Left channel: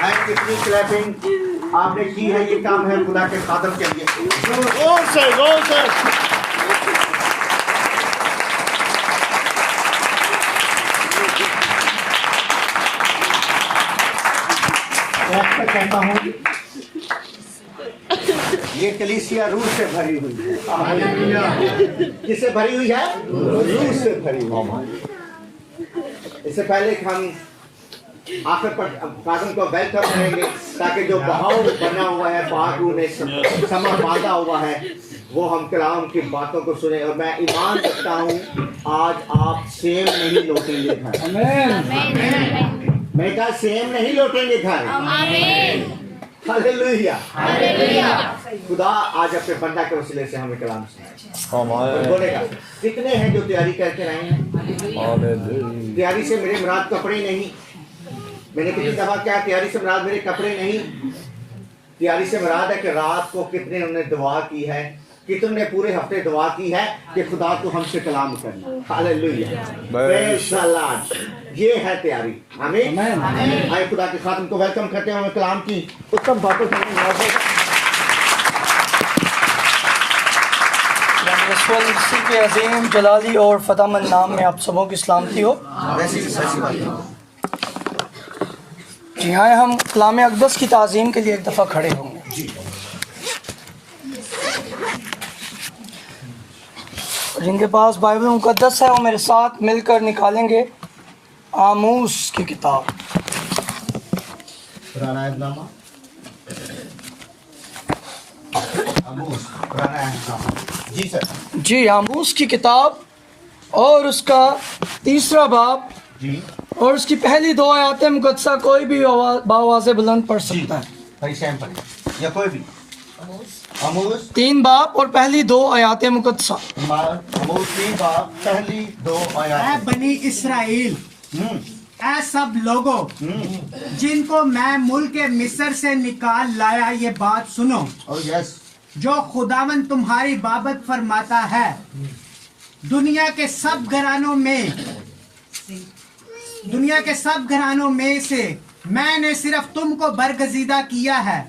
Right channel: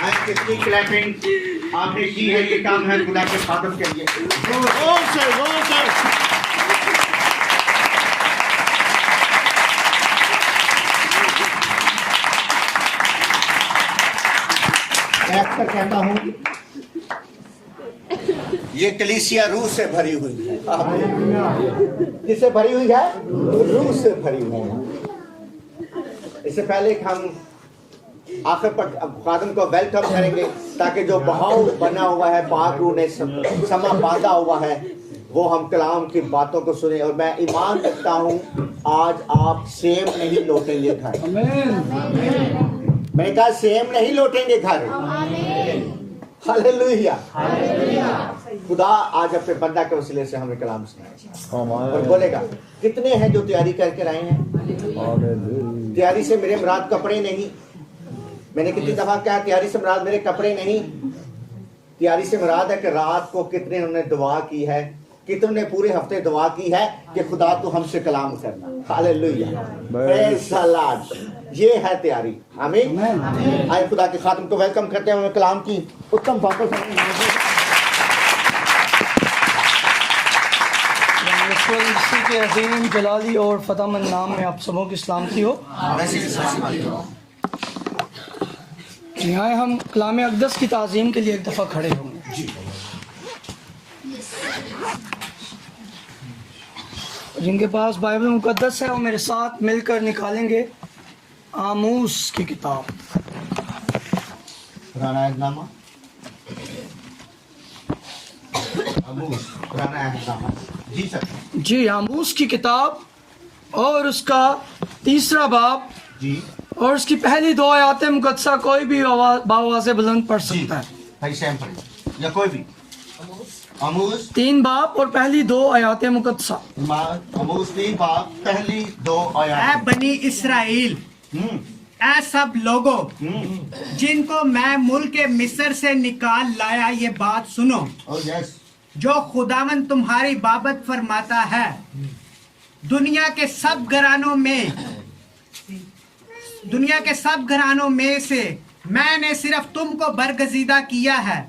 کتنی کلیپنگ آپ نے کی ہے، یہ کام ہے خدا کے خادم کے لیے. میں کہتا ہوں یہ کلیسیا روح سے بھری ہوئی ہے. کس سے بھری ہوئی ہے؟ روح سے بھری ہوئی ہے. اس سے پہلے ہم آخر پر خادم کو ویلکم کریں گے تاکہ جو بہاؤ بنا ہوا ہے پاک روح نے سما باندھا ہوا ہے وہ ہم کلام کی باتوں کو سنیں. اور میں ایمان رکھتا ہوں آج آپ سیم نہیں لوٹیں گے گھر. میں نے کہا سیم نہیں لوٹیں گے گھر. ہاللیلویا. خدا آج اپنے بندہ کے وسیلے سے ہمیں کلام سنائے بولے گا. کتنے ہیں جو تیاری کر کے آئے ہیں؟ تیاری سے میرے مراد کپڑے نہیں. میں نے کتنی دفعہ کہا تیاری سے مراد میرے کپڑے نہیں. تیاری سے مراد ہے کہ رات کو کتنے انہوں نے دعا کی ہے، کتنے نے پورے ہفتے دعا کی ہے کہ خدا کو ہم سے کلام کرنا. ہاللیلویا. پریز دی لارڈ. یہ ہے تیاری. آمین. آئے خدا کے خادم کو ویلکم کرتے ہیں کلام کی اتم باتوں سے. اسی کے عظیم جلالی اور فتح مند نام میں آپ سبوں کی سلامتی ہو. جی ہاں، ہم کلام اقدس کی تعظیم کے لیے ایک دفعہ کھڑے ہوں گے. جن کے پاس بائبل مقدس ہے وہ میرے ساتھ مل کر نکالیں گے آموس کی کتاب. پرانا اہدنامہ. آموس پرانا اہدنامہ. جی سر. جی آموس کی کتاب اور اس کا 3 باب جی اور اس کی پہلی 2 آیات مقدسہ کوئی بھی باواز بلند پڑھ سکتا ہے. بھائی سیم پڑھیں یا کوئی بھی. آموس 3 باب اور پہلی 2 آیات مقدسہ. آموس 3 باب پہلی 2 آیات. اے بنی اسرائیل، اے سب لوگوں جن کو میں ملک مصر سے نکال لایا، یہ بات سنو. یس. جو خداوند تمہاری بابت فرماتا ہے، دنیا کے سب گھرانوں میں سے میں نے صرف تم کو برگزیدہ کیا ہے،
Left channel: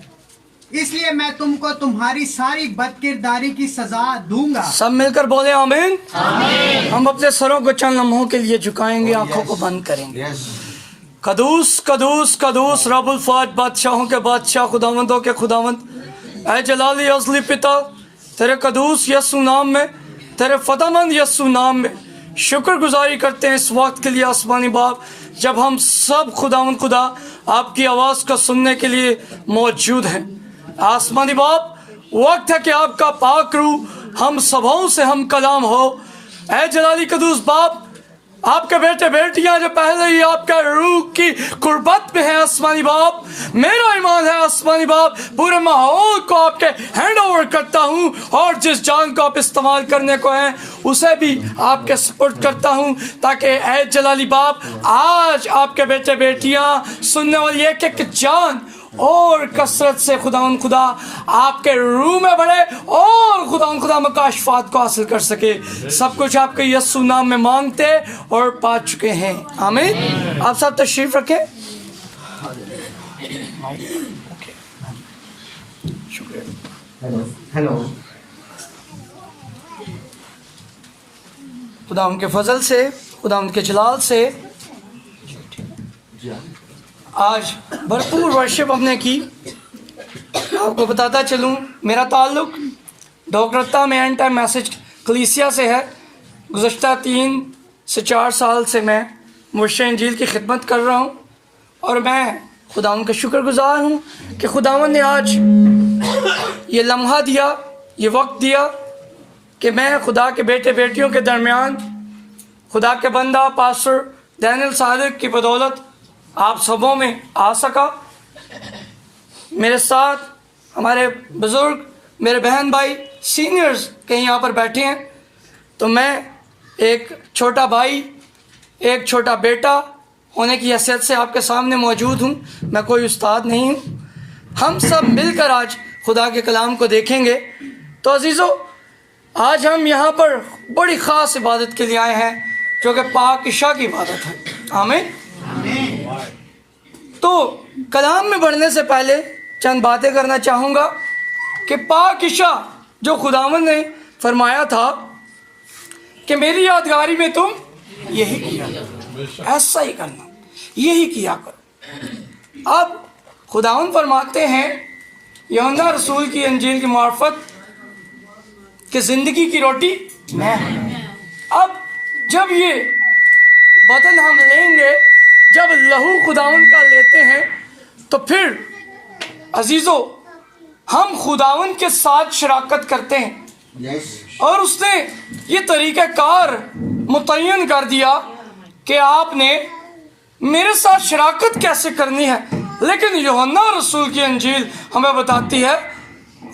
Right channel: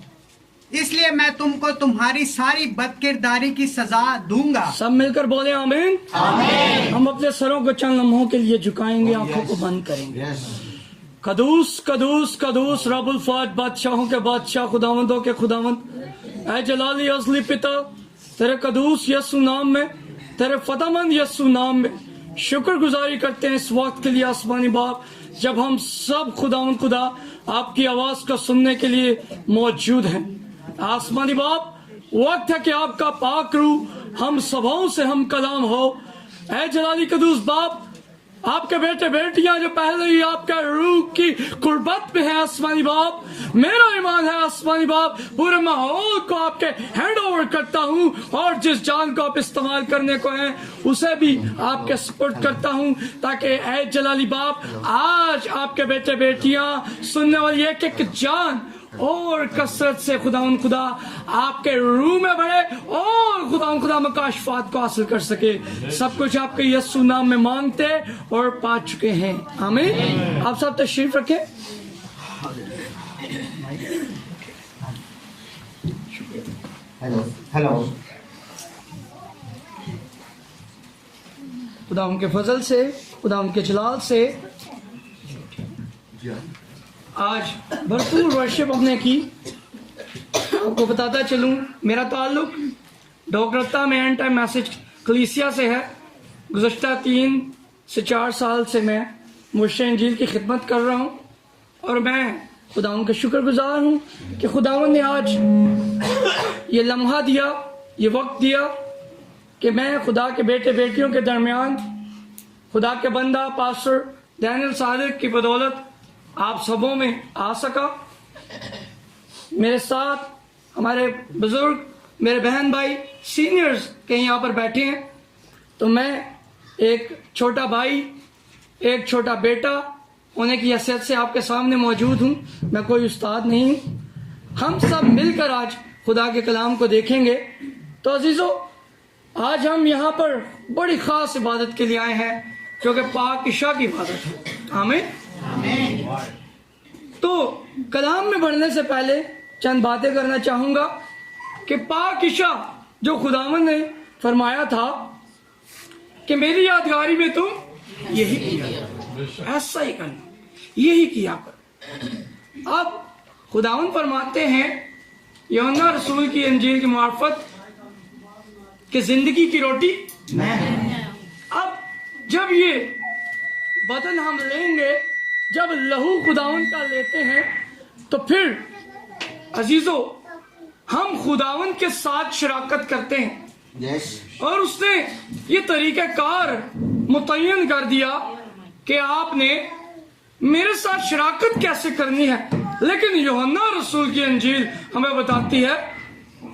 اس لیے میں تم کو تمہاری ساری بد کرداری کی سزا دوں گا. سب مل کر بولے آمین. ہم اپنے سروں کو چند لمحوں کے لیے جھکائیں گے، آنکھوں کو بند کریں گے. قدوس قدوس قدوس رب الفاظ، بادشاہوں کے بادشاہ، خداوندوں کے خداوند، اے جلالی ازلی پتا، تیرے قدوس یسوع نام میں، تیرے فتح مند یسوع نام میں شکر گزاری کرتے ہیں اس وقت کے لیے آسمانی باپ، جب ہم سب خداوند خدا آپ کی آواز کو سننے کے لیے موجود ہیں. آسمانی باپ، وقت ہے کہ آپ کا پاک روح ہم سبھوں سے ہم کلام ہو. اے جلالی قدوس باپ، آپ کے بیٹے بیٹیاں جو پہلے ہی آپ کے روح کی قربت میں ہیں آسمانی باپ، میرا ایمان ہے آسمانی باپ، پورے ماحول کو آپ کے ہینڈ اوور کرتا ہوں، اور جس جان کو آپ استعمال کرنے کو ہیں اسے بھی آپ کے سپورٹ کرتا ہوں، تاکہ اے جلالی باپ آج آپ کے بیٹے بیٹیاں سننے والی ایک ایک جان اور کثرت سے خداوند خدا آپ کے روح میں بڑھے اور خداوند خدا مکاشفات کو حاصل کر سکے. سب کچھ آپ کے یسوع نام میں مانگتے اور پا چکے ہیں. آمین. آپ سب تشریف رکھیں. ہیلو. خدا ان کے فضل سے، خدا ان کے جلال سے آج بھرپور ورشپ ہم نے کی. آپ کو بتاتا چلوں، میرا تعلق ڈوگرتا میں اینڈ ٹائم میسج کلیسیا سے ہے. گزشتہ 3 سے 4 سال سے میں مرشد انجیل کی خدمت کر رہا ہوں، اور میں خداوند کا شکر گزار ہوں کہ خداوند نے آج یہ لمحہ دیا، یہ وقت دیا کہ میں خدا کے بیٹے بیٹیوں کے درمیان خدا کے بندہ پاسٹر دینل صادق کی بدولت آپ سبوں میں آ سکا. میرے ساتھ ہمارے بزرگ، میرے بہن بھائی سینئرز کہیں یہاں پر بیٹھے ہیں، تو میں ایک چھوٹا بھائی، ایک چھوٹا بیٹا ہونے کی حیثیت سے آپ کے سامنے موجود ہوں. میں کوئی استاد نہیں ہوں. ہم سب مل کر آج خدا کے کلام کو دیکھیں گے. تو عزیزو، آج ہم یہاں پر بڑی خاص عبادت کے لیے آئے ہیں جو کہ پاک عشاء کی عبادت ہے. آمین. तो कलाम में बढ़ने से पहले चंद बातें करना चाहूँगा कि पाक इशा जो खुदावंद ने फरमाया था कि मेरी यादगारी में तुम यही किया करो, ऐसा ही करना, यही किया करो। अब खुदावंद फरमाते हैं यूहन्ना रसूल की इंजील की मार्फत कि जिंदगी की रोटी मैं हूं। अब जब ये बदल हम लेंगे, जब लहू खुदावंद का लेते हैं, तो फिर अजीजों हम खुदावंद के साथ शराकत करते हैं। और उसने ये तरीक़ाकार मुतय्यन कर दिया कि आपने मेरे साथ शराकत कैसे करनी है। लेकिन यूहन्ना रसूल की इंजील हमें बताती है,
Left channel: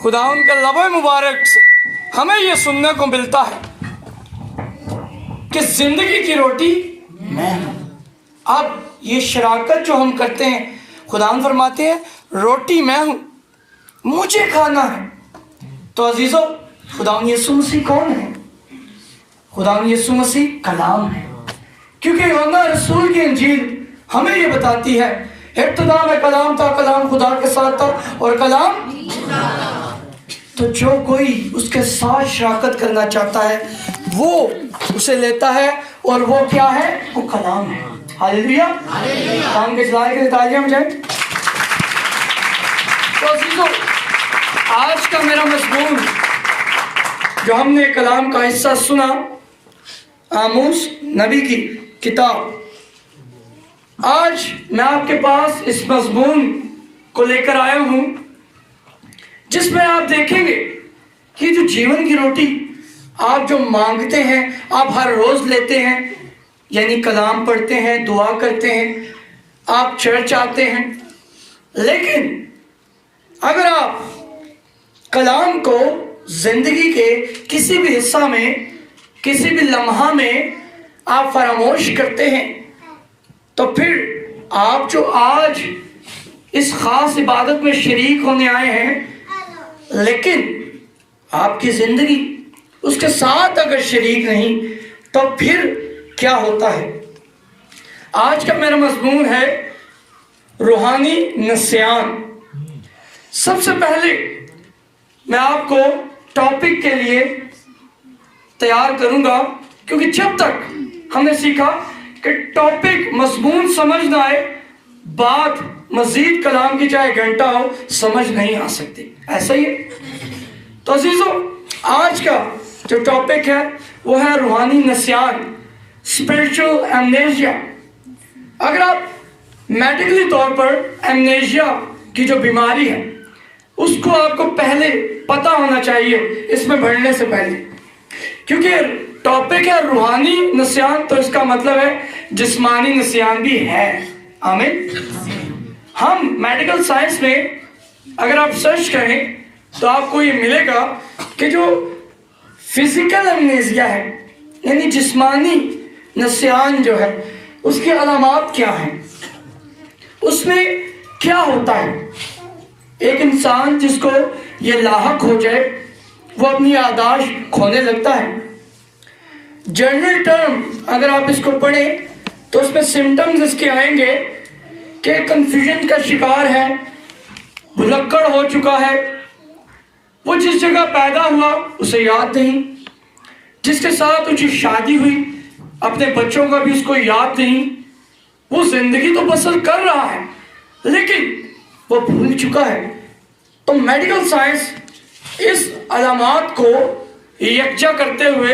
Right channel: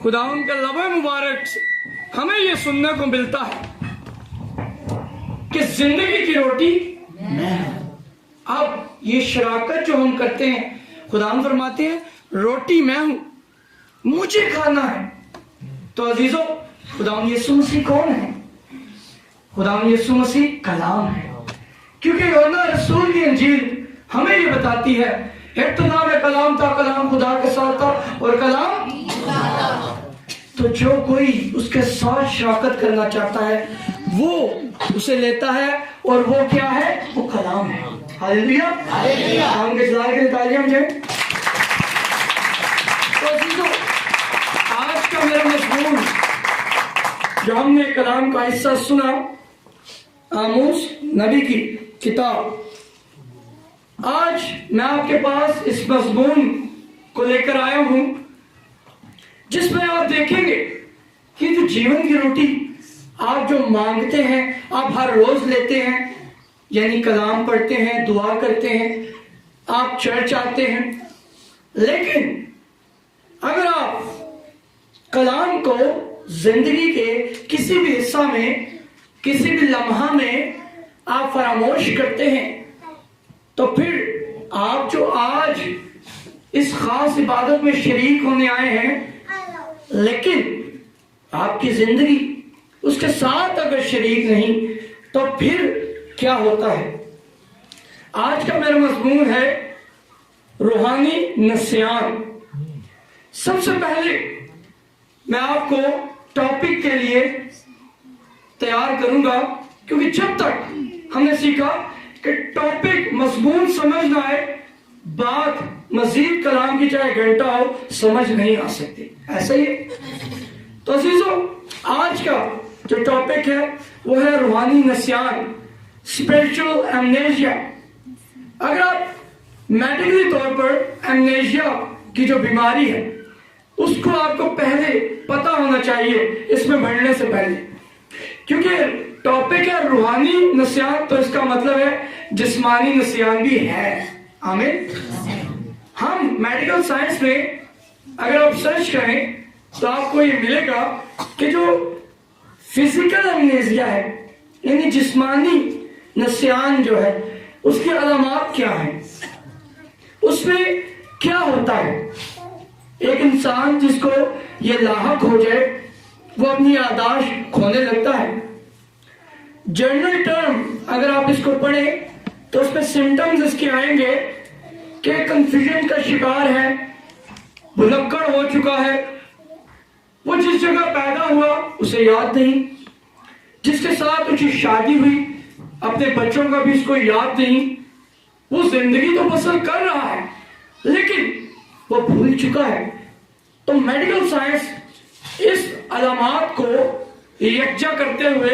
खुदावंद के लबे मुबारक से हमें ये सुनने को मिलता है कि जिंदगी की रोटी मैं हूं। अब ये शराकत जो हम करते हैं, खुदावंद फरमाते हैं रोटी मैं हूं, मुझे खाना है। तो अजीजों, खुदावंद यीशु मसीह कौन है? खुदावंद यीशु मसीह कलाम है, क्योंकि यूहन्ना रसूल की इंजील हमें ये बताती है इब्तिदा में कलाम था, कलाम खुदा के साथ था और कलाम। तो जो कोई उसके साथ शराकत करना चाहता है वो उसे लेता है, और वो क्या है? वो कलाम है। हालेलुया, कलाम के जलाल के लिए तालियां बजाएं। तो अजीजों, आज का मेरा मज़मून जो हमने कलाम का हिस्सा सुना, आमोस नबी की किताब, आज मैं आपके पास इस मज़मून को लेकर आया हूं जिसमें आप देखेंगे कि जो जीवन की रोटी आप जो मांगते हैं, आप हर रोज लेते हैं, यानी कलाम पढ़ते हैं, दुआ करते हैं, आप चर्च आते हैं, लेकिन अगर आप कलाम को जिंदगी के किसी भी हिस्सा में, किसी भी लम्हा में आप फरामोश करते हैं, तो फिर आप जो आज इस खास इबादत में शरीक होने आए हैं, लेकिन आपकी जिंदगी उसके साथ अगर शरीक नहीं, तो फिर क्या होता है? आज का मेरा मज़मून है रूहानी नस्यान। सबसे पहले मैं आपको टॉपिक के लिए तैयार करूंगा, क्योंकि जब तक हमने सीखा कि टॉपिक मज़मून समझ ना आए, बात मजीद कलाम की चाहे घंटा हो समझ नहीं आ सकती। ऐसा ही है। तो अजीजों, आज का जो टॉपिक है वो है रूहानी नस्यान, स्पिरिचुअल एमनेशिया। अगर आप मेडिकली तौर पर एमनेशिया की जो बीमारी है उसको आपको पहले पता होना चाहिए इसमें बढ़ने से पहले, क्योंकि टॉपिक है रूहानी नस्यान, तो इसका मतलब है जिस्मानी नस्यान भी है। आमीन। हम मेडिकल साइंस में अगर आप सर्च करें तो आपको ये मिलेगा कि जो फिजिकल एमनेशिया है, यानी जिस्मानी नस्यान जो है, उसकी अलामात क्या है, उसमें क्या होता है। एक इंसान जिसको ये लाहक हो जाए वो अपनी याददाश्त खोने लगता है। जनरल टर्म अगर आप इसको पढ़ें तो उसमें सिम्टम्स इसके आएंगे कि कंफ्यूजन का शिकार है, भुलक्कड़ हो चुका है, वो जिस जगह पैदा हुआ उसे याद नहीं, जिसके साथ उसकी शादी हुई अपने बच्चों का भी उसको याद नहीं, वो जिंदगी तो बसर कर रहा है लेकिन वो भूल चुका है। तो मेडिकल साइंस इस अलामात को यकजा करते हुए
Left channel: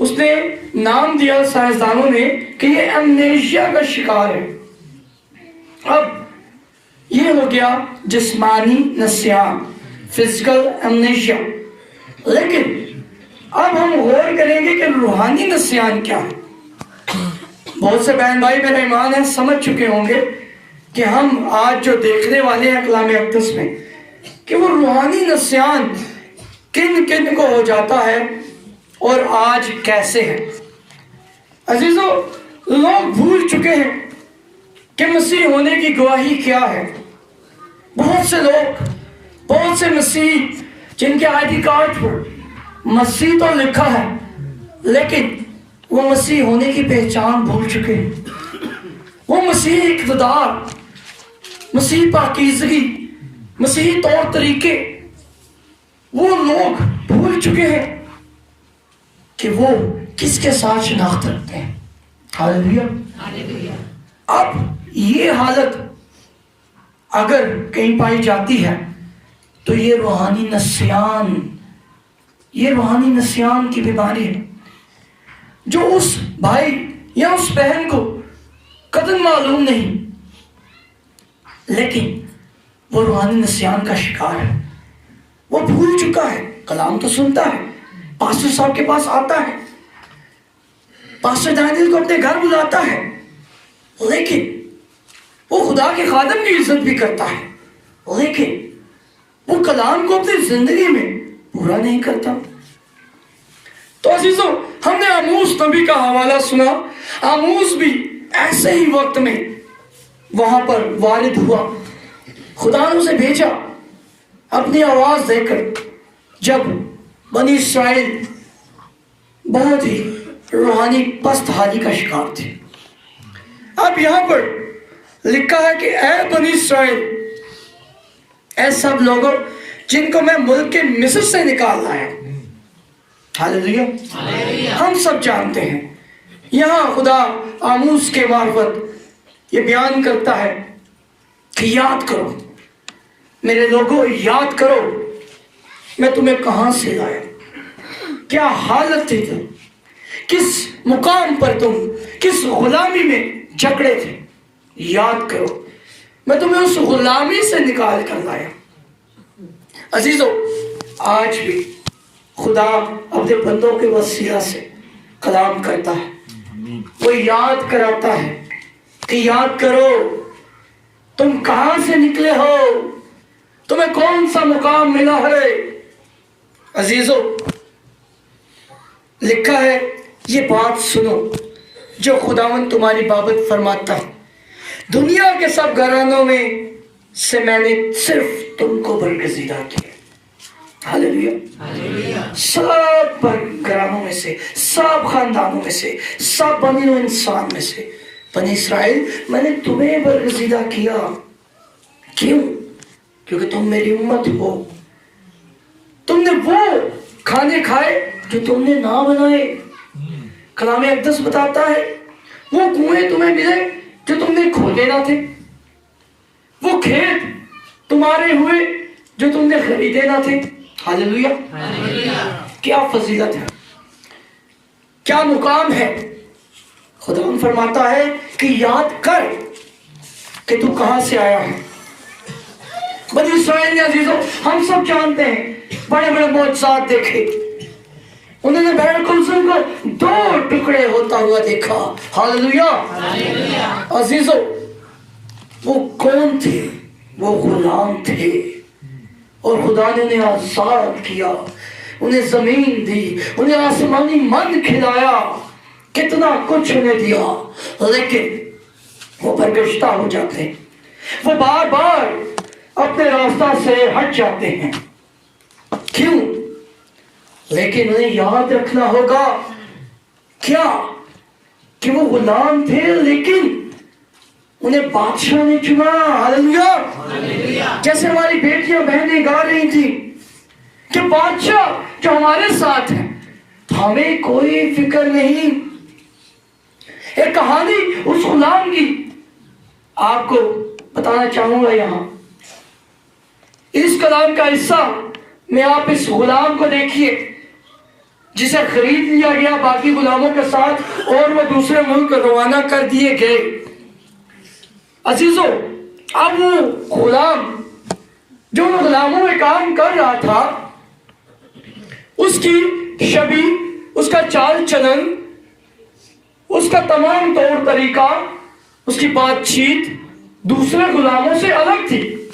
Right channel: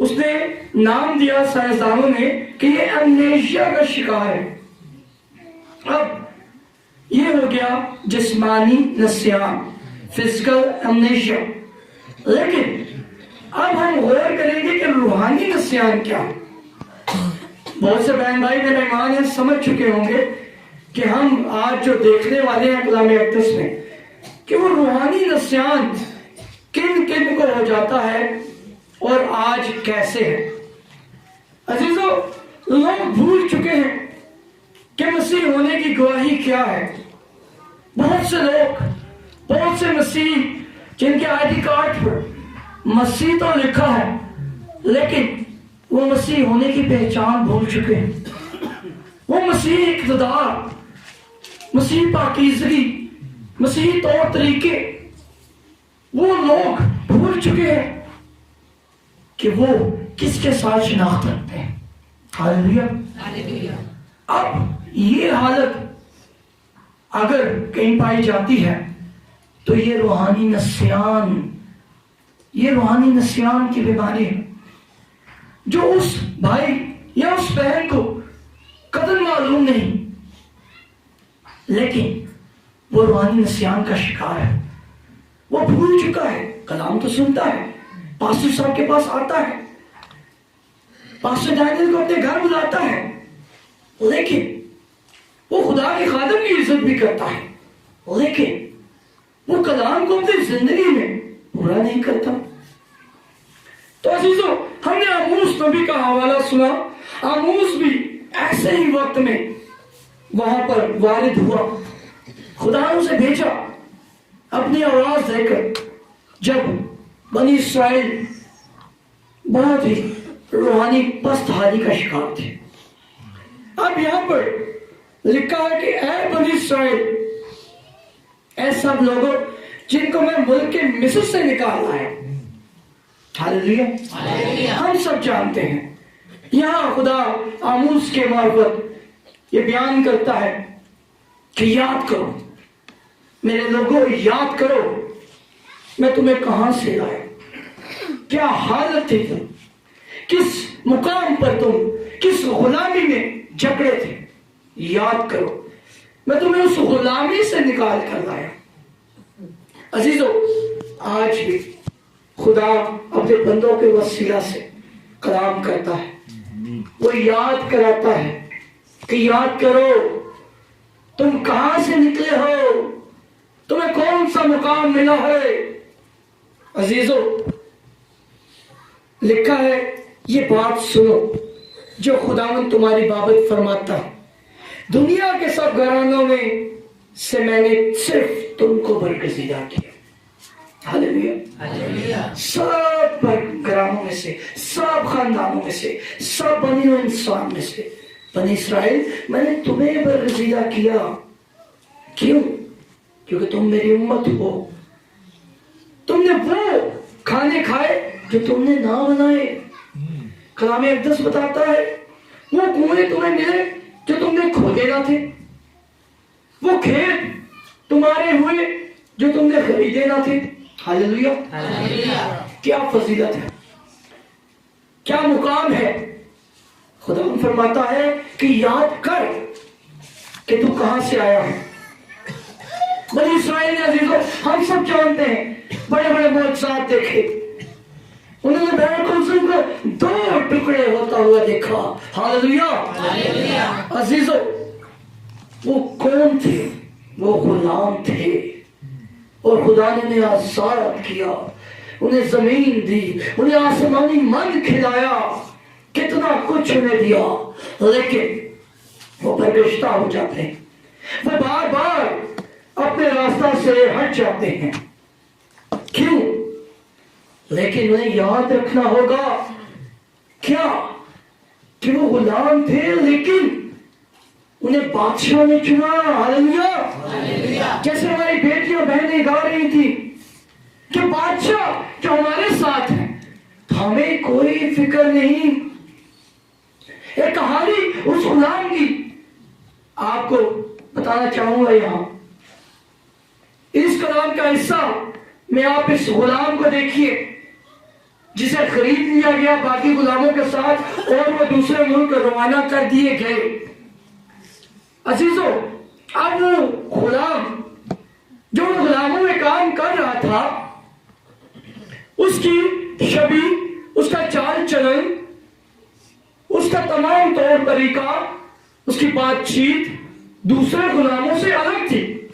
उसने नाम दिया साइंसदानों ने कि ये एमनेशिया का शिकार है। अब ये हो गया जिस्मानी नस्यान, फिजिकल एमनेशिया। लेकिन अब हम गौर करेंगे कि रूहानी नस्यान क्या है। बहुत से बहन भाई मेरा ईमान है समझ चुके होंगे कि हम आज जो देखने वाले हैं कलाम अक़दस में कि वो रूहानी नस्यान किन किन को हो जाता है और आज कैसे है। अजीजों, लोग भूल चुके हैं कि मसीह होने की गवाही क्या है। बहुत से लोग, बहुत से मसीह जिनके आईडी कार्ड पर मसीह तो लिखा है लेकिन वो मसीह होने की पहचान भूल चुके हैं। वो मसीह इक़्तिदार मसीह पाकीज़गी, मसीह तौर तरीके वो लोग भूल चुके हैं कि वो किसके साथ शनाख्त रखते हैं। हालेलुया। अब ये हालत अगर कहीं पाई जाती है तो ये रूहानी नस्यान की बीमारी है, जो उस भाई या उस बहन को कदर मालूम नहीं, लेकिन वो रूहानी नस्यान का शिकार है। वो भूल चुका है, कलाम तो सुनता है, पास्टर साहब के पास आता है, पास्टर दानियल को अपने घर बुलाता है, लेकिन वो खुदा के खादम की इज्जत भी करता है, लेकिन वो कलाम को अपनी जिंदगी में पूरा नहीं करता। तो अजीजों, हमने आमूस नबी का हवाला सुना। आमूस भी ऐसे ही वक्त में वहां पर वारिद हुआ, खुदा ने उसे भेजा अपनी आवाज देकर, जब बनी इस्राएल बहुत ही रूहानी पस्त हाली का शिकार थे। अब यहां पर लिखा है कि ऐ बनी इस्राएल, ऐ सब लोगों जिनको मैं मुल्क के मिस्र से निकाल लाया। हालेलुया। हम सब जानते हैं, यहाँ खुदा आमूस के मार्फत ये बयान करता है कि याद करो मेरे लोगों, याद करो मैं तुम्हें कहां से लाया, क्या हालत थी तुम, किस मुकाम पर तुम किस गुलामी में जकड़े थे। याद करो मैं तुम्हें उस गुलामी से निकाल कर लाया। अजीजों, आज भी खुदा अपने बंदों के वसीला से कलाम करता है, वो याद कराता है कि याद करो तुम कहां से निकले हो, तुम्हें कौन सा मुकाम मिला है। अजीजों, लिखा है ये बात सुनो जो खुदावन तुम्हारी बाबत फरमाता, दुनिया के सब घरानों में से मैंने सिर्फ तुमको बरगजीदा किया। हालेलुया। सब घरानों में से, सब खानदानों में से, सब बनी इंसान में से, बनी इस्राएल, मैंने तुम्हें बरगजीदा किया। क्यों? क्योंकि तुम मेरी उम्मत हो। तुमने वो खाने खाए जो तुमने ना बनाए। कलाम अक़दस बताता है वो कुएं तुम्हें मिले जो तुमने खोले ना थे, वो खेत तुम्हारे हुए जो तुमने खरीदे ना थे। हालेलुया। क्या फजीलत है, क्या मुकाम है। खुदा फरमाता है कि याद कर कि तू कहां से आया है। बनी इस्राएल ने, अजीजों, हम सब जानते हैं, बड़े बड़े मौजज़ात देखे। उन्होंने बैर कुलसुम को 2 टुकड़े होता हुआ देखा। हालेलुया। अजीजों, वो कौन थे? वो गुलाम थे, और खुदा ने उन्हें आजाद किया, उन्हें जमीन दी, उन्हें आसमानी मन खिलाया, कितना कुछ उन्हें दिया, लेकिन वो बरगश्ता हो जाते हैं, वो बार बार अपने रास्ता से हट जाते हैं। क्यों? लेकिन उन्हें याद रखना होगा क्या कि वो गुलाम थे, लेकिन उन्हें बादशाह ने चुना। हालेलुया। जैसे हमारी बेटियां बहनें गा रही थी कि बादशाह जो हमारे साथ है, तो हमें कोई फिक्र नहीं। एक कहानी उस गुलाम की आपको बताना चाहूंगा। यहां इस कलाम का हिस्सा में आप इस गुलाम को देखिए जिसे खरीद लिया गया बाकी गुलामों के साथ, और वो दूसरे मुल्क रवाना कर दिए गए। अजीजों, अब वो गुलाम जो गुलामों में काम कर रहा था, उसकी शबी, उसका चाल चलन, उसका तमाम तौर तरीका, उसकी बातचीत दूसरे गुलामों से अलग थी।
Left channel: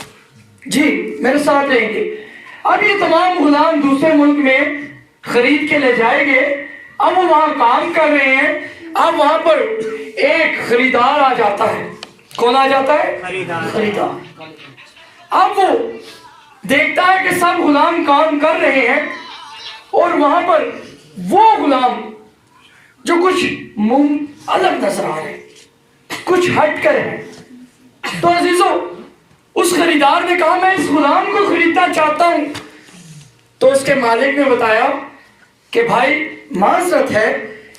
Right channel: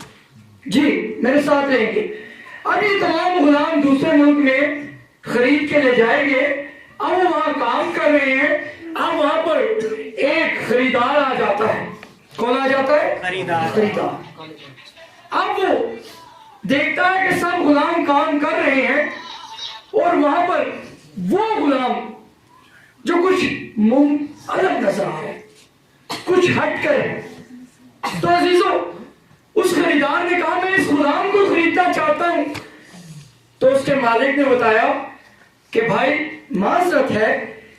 जी मेरे साथ रहेंगे। अब ये तमाम गुलाम दूसरे मुल्क में खरीद के ले जाएंगे। अब वो वहां काम कर रहे हैं। अब वहां पर एक खरीदार आ जाता है। कौन आ जाता है? खरीदार। अब वो देखता है कि सब गुलाम काम कर रहे हैं, और वहां पर वो गुलाम जो कुछ मुंह अलग नजर आ रहे, कुछ हट कर है। तो अजीजों, खरीदार ने कहा मैं इस गुलाम को खरीदना चाहता हूं। तो उसके मालिक ने बताया कि भाई माजरत है,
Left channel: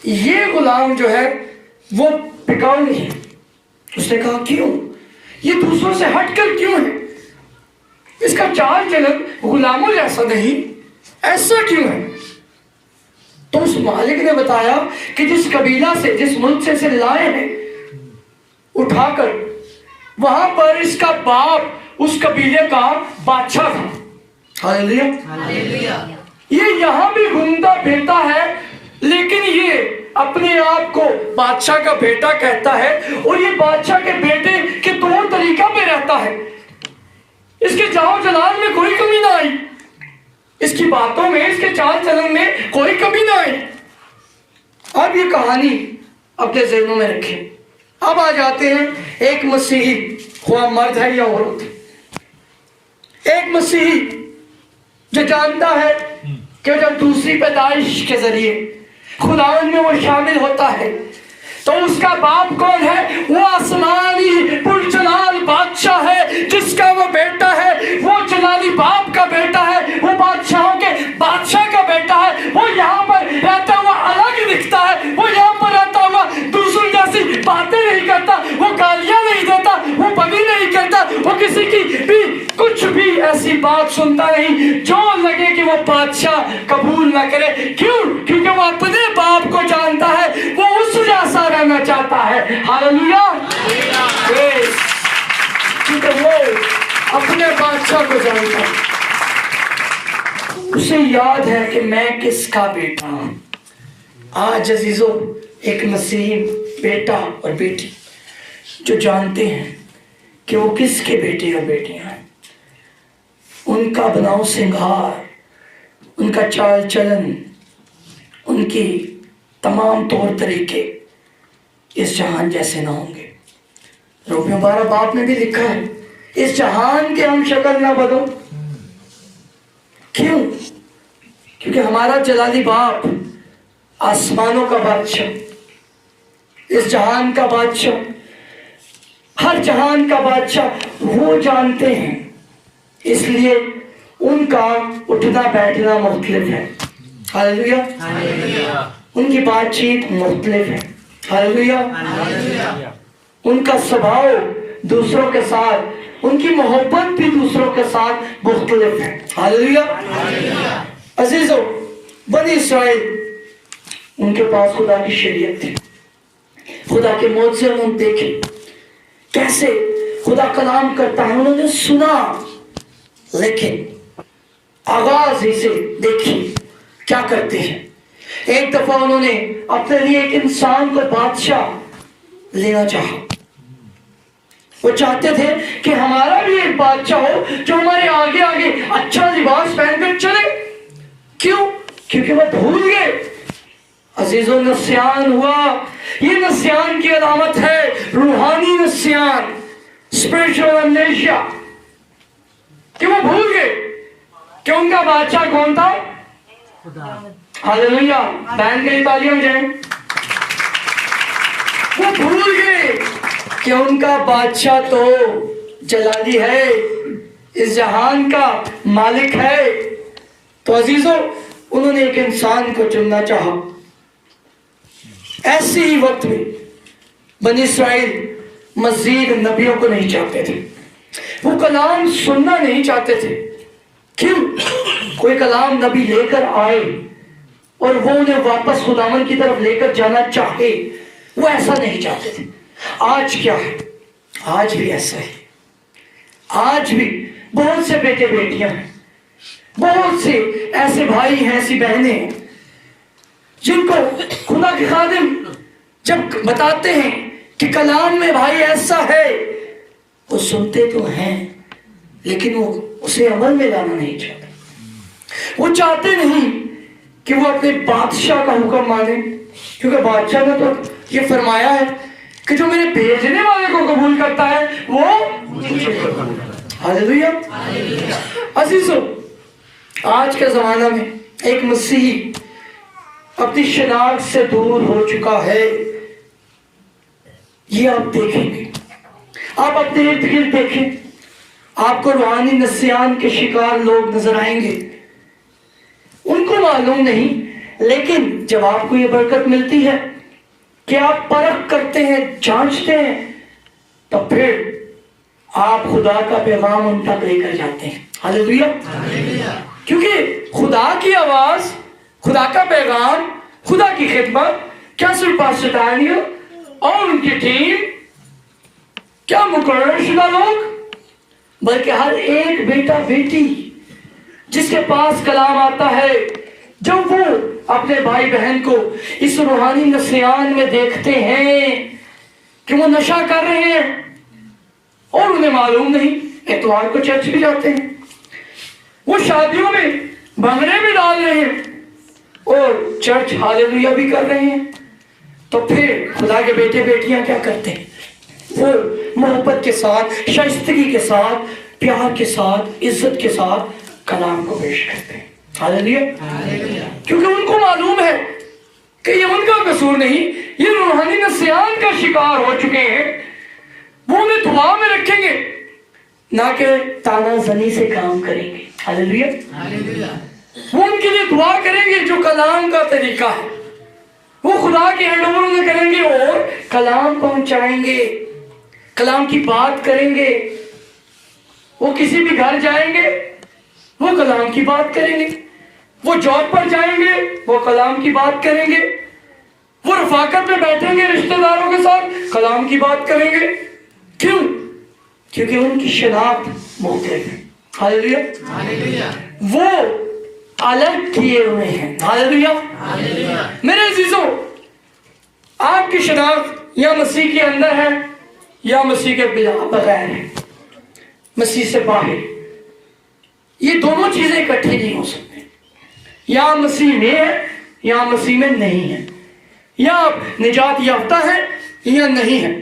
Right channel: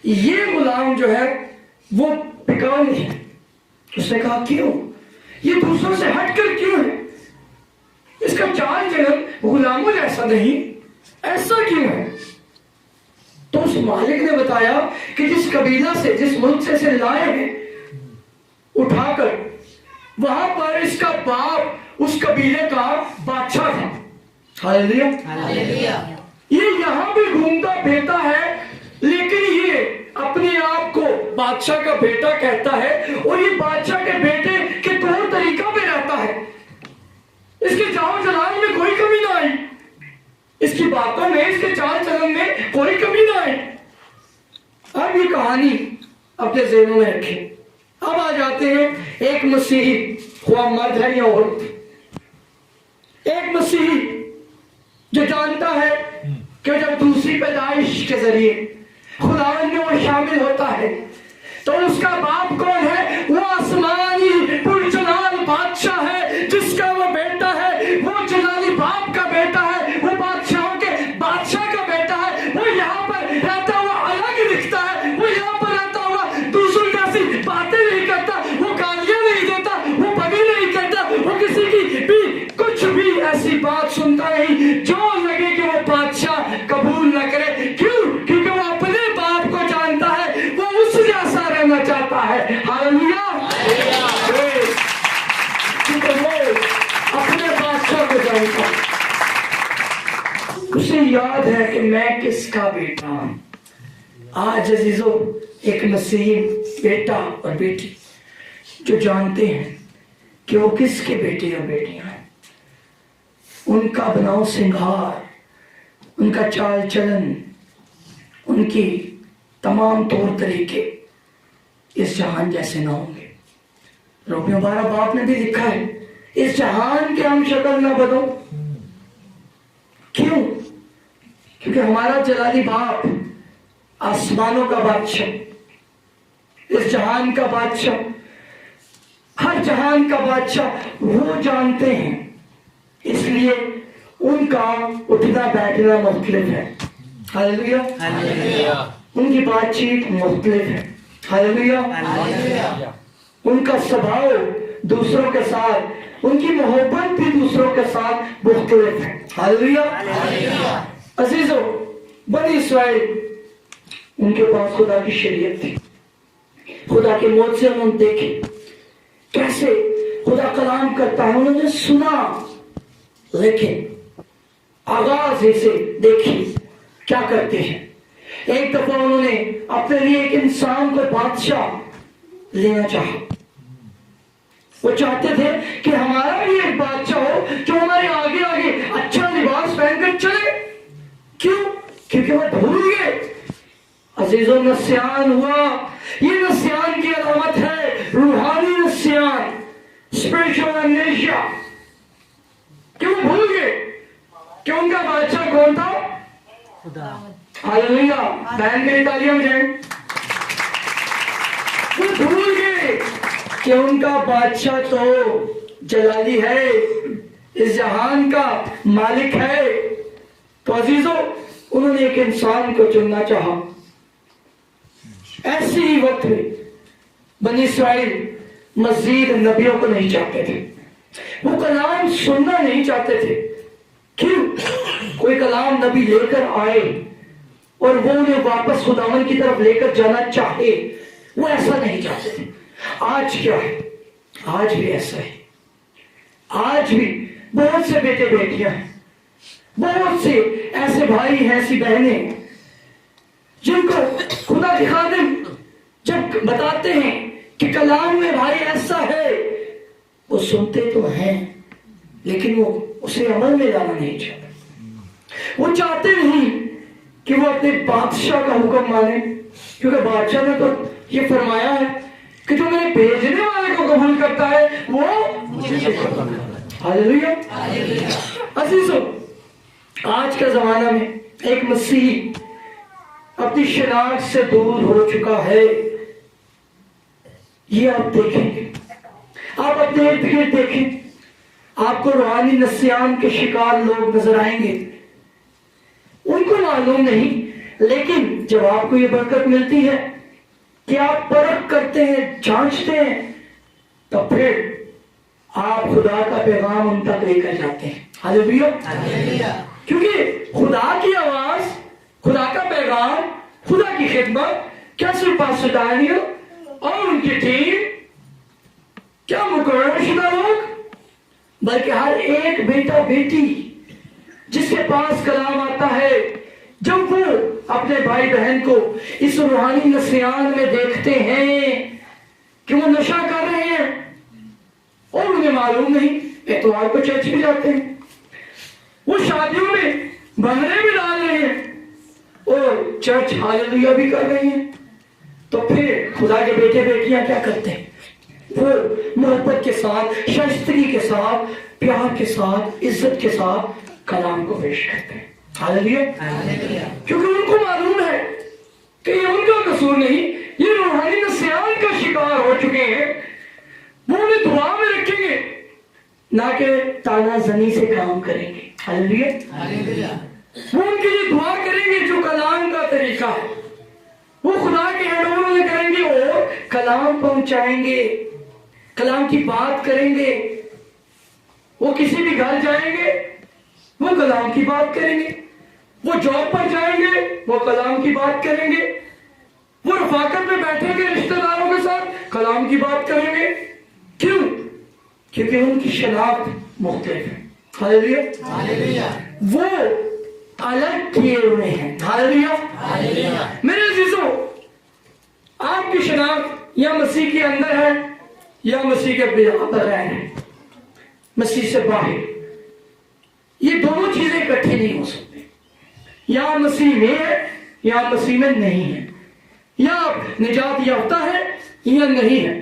ये गुलाम जो है वो बिकाऊ नहीं है। उसने कहा क्यों, ये दूसरों से हटकर क्यों है, इसका चाल चलन गुलामों जैसा नहीं, ऐसा क्यों है? तो उस मालिक ने बताया कि जिस कबीला से, जिस मुल्क से इसे लाए हैं उठाकर, वहां पर इसका बाप उस कबीले का बादशाह था। हालेलुया। ये यहां भी घूमता फिरता है, लेकिन ये अपने आप को बादशाह का बेटा कहता है, और ये बादशाह के बेटे के तौर तरीका पे रहता है। इसके जाओ जलाल में कोई कमी ना आई, इसकी बातों में, इसके चाल चलन में कोई कमी ना आई। अब ये कहानी अपने ज़हनों में रखें। अब आ जाते हैं एक मसीही, हुआ मर्द है या औरत, एक मसीही जो जानता है कि जब दूसरी पैदाइश के जरिए खुदावन में वो शामिल होता है, तो उसका बाप कौन है? वो आसमानी पुरजलाल बादशाह है, जिसका वो बेटा है, वो जलाली बाप का बेटा है, वो बादशाहों के बादशाह का बेटा है। वो यहाँ पर रहता हुआ अलग दिखता है, वो यहाँ पर रहता हुआ दूसरों जैसी बातें नहीं करता, वो गालियां नहीं देता, वो बनी नहीं करता, वो किसी की भी कुछ भी ऐसी बात सुनता नहीं जो लगे कि वो बादशाह कबूल ना करे। क्यों? क्योंकि वो अपने बाप को जानता है, वो उस जैसा रहना चाहता है। हालेलुया। क्योंकि वो अपने बादशाह को जानता है, उसे याद है कि मैं किसका बेटा हूं। आज अजीजों, एक मसीही बेटा और बेटी जो जानते हैं कि वो किसके बेटे और बेटियां हैं, उनका बनाव श्रृंगार, उनका चाल चलन, उनकी तमाम तौर तरीके इस जहान जैसे ना होंगे। रोमियो 12 बाप में भी लिखा है, इस जहान के हम शक्ल ना बदो। क्यों? क्योंकि हमारा जलाली बाप आसमानों का बादशाह, इस जहान का बादशाह, हर जहान का बादशाह वो जानते हैं, इसलिए उनका उठना बैठना मुख्तलिफ है। हालेलुया। उनकी बातचीत मुख्तलिफ है। हालेलुया। उनका स्वभाव दूसरों के साथ, उनकी मोहब्बत भी दूसरों के साथ मुख्तलिफ है। हालेलुया। अजीजों, बनी इस्राइल, उनके पास खुदा की शरीयत थी, खुदा के मौत से हम देखें कैसे खुदा कलाम करता है, उन्होंने सुना, लेकिन आगाज ही से देखिए क्या करते हैं। एक दफा उन्होंने अपने लिए एक इंसान को बादशाह लेना चाहा। वो चाहते थे कि हमारा भी एक बादशाह हो जो हमारे आगे आगे अच्छा लिबास पहनकर चले। क्यों? क्योंकि वो भूल गए। अजीजों, नस्यान हुआ। ये नस्यान की अलामत है, रूहानी नस्यान, स्पिरिचुअल अमनेशिया, कि वो भूल गए कि उनका बादशाह कौन था? हालेलुया। बहन के लिए तालियां हो जाए। वो भूल गए कि उनका बादशाह तो जलाली है, इस जहान का मालिक है। तो अजीजों, उन्होंने एक इंसान को चुनना चाहा। ऐसे ही वक्त में बनी इस्राइल मजीद नबियों को नहीं चाहते थे, वो कलाम सुनना नहीं चाहते थे। क्यों? कोई कलाम नबी लेकर आए और वो उन्हें वापस खुदावन की तरफ लेकर जाना चाहे, वो ऐसा नहीं चाहते थे। आज क्या है? आज भी ऐसा है। आज भी बहुत से बेटे बेटियां हैं, बहुत से ऐसे भाई हैं, ऐसी बहनें हैं, जिनको खुदा के खादिम जब बताते हैं कि कलाम में भाई ऐसा है, वो सुनते तो हैं, लेकिन वो उसे अमल में लाना नहीं चाहते। वो चाहते नहीं कि वो अपने बादशाह का हुक्म माने, क्योंकि बादशाह ने तो ये फरमाया है कि जो मेरे भेजने वाले को कबूल करता है वो मुझे कबूल करता है। हालेलुया। अजीजों, आज के जमाना में एक मसीही अपनी शनाख्त से दूर हो चुका है। ये आप देखेंगे, आप अपने इर्द गिर्द देखें, آپ کو روحانی نسیان کے شکار لوگ نظر آئیں گے. ان کو معلوم نہیں، لیکن جب آپ کو یہ برکت ملتی ہے کہ آپ پرکھ کرتے ہیں، جانچتے ہیں، تو پھر آپ خدا کا پیغام ان تک لے کر جاتے ہیں. ہاللیلویا. کیونکہ خدا کی آواز، خدا کا پیغام، خدا کی خدمت کیا صرف پاسٹر ڈینیل اور ان کی ٹیم، کیا مقرر شدہ لوگ، بلکہ ہر ایک بیٹا بیٹی جس کے پاس کلام آتا ہے، جب وہ اپنے بھائی بہن کو اس روحانی نسیان میں دیکھتے ہیں کہ وہ نشہ کر رہے ہیں اور انہیں معلوم نہیں، اتوار کو چرچ بھی جاتے ہیں، وہ شادیوں میں بھنگڑے بھی ڈال رہے ہیں اور چرچ ہاللیلویا بھی کر رہے ہیں، تو پھر خدا کے بیٹے بیٹیاں کیا کرتے ہیں؟ وہ محبت کے ساتھ، شائستگی کے ساتھ، پیار کے ساتھ، عزت کے ساتھ کلام کو پیش کرتے ہیں. ہاللیلویا. کیونکہ ان کو معلوم ہے کہ یہ ان کا قصور نہیں، یہ روحانی نسیان کا شکار ہو چکے ہیں. وہ انہیں دعا میں رکھیں گے، نہ کہ تانا زنی سے کام کریں گے. ہاللیلویا. وہ ان کے لیے دعا کریں گے جو کلام کا طریقہ ہے، وہ خدا کے ہینڈ اوور انہیں کریں گے اور کلام پہنچائیں گے، کلام کی بات کریں گے. وہ کسی بھی گھر جائیں گے، وہ کلام کی بات کریں گے. وہ جاب پر جائیں گے، وہ کلام کی بات کریں گے. وہ رفاقت میں بیٹھیں گے رشتہ داروں کے ساتھ، کلام کی بات کریں گے. کیوں؟ کیونکہ ان کی شناخت مختلف ہے. ہاللیلویا. وہ الگ کیے ہوئے ہیں. ہاللیلویا. میرے عزیزوں، آپ کی شناخت یا مسیح کے اندر ہے یا مسیح کے بغیر ہے، مسیح سے باہر. یہ دونوں چیزیں اکٹھی نہیں ہو سکتی. یا مسیح میں ہے یا مسیح میں نہیں ہے، یا آپ نجات یافتہ ہے یا نہیں ہے،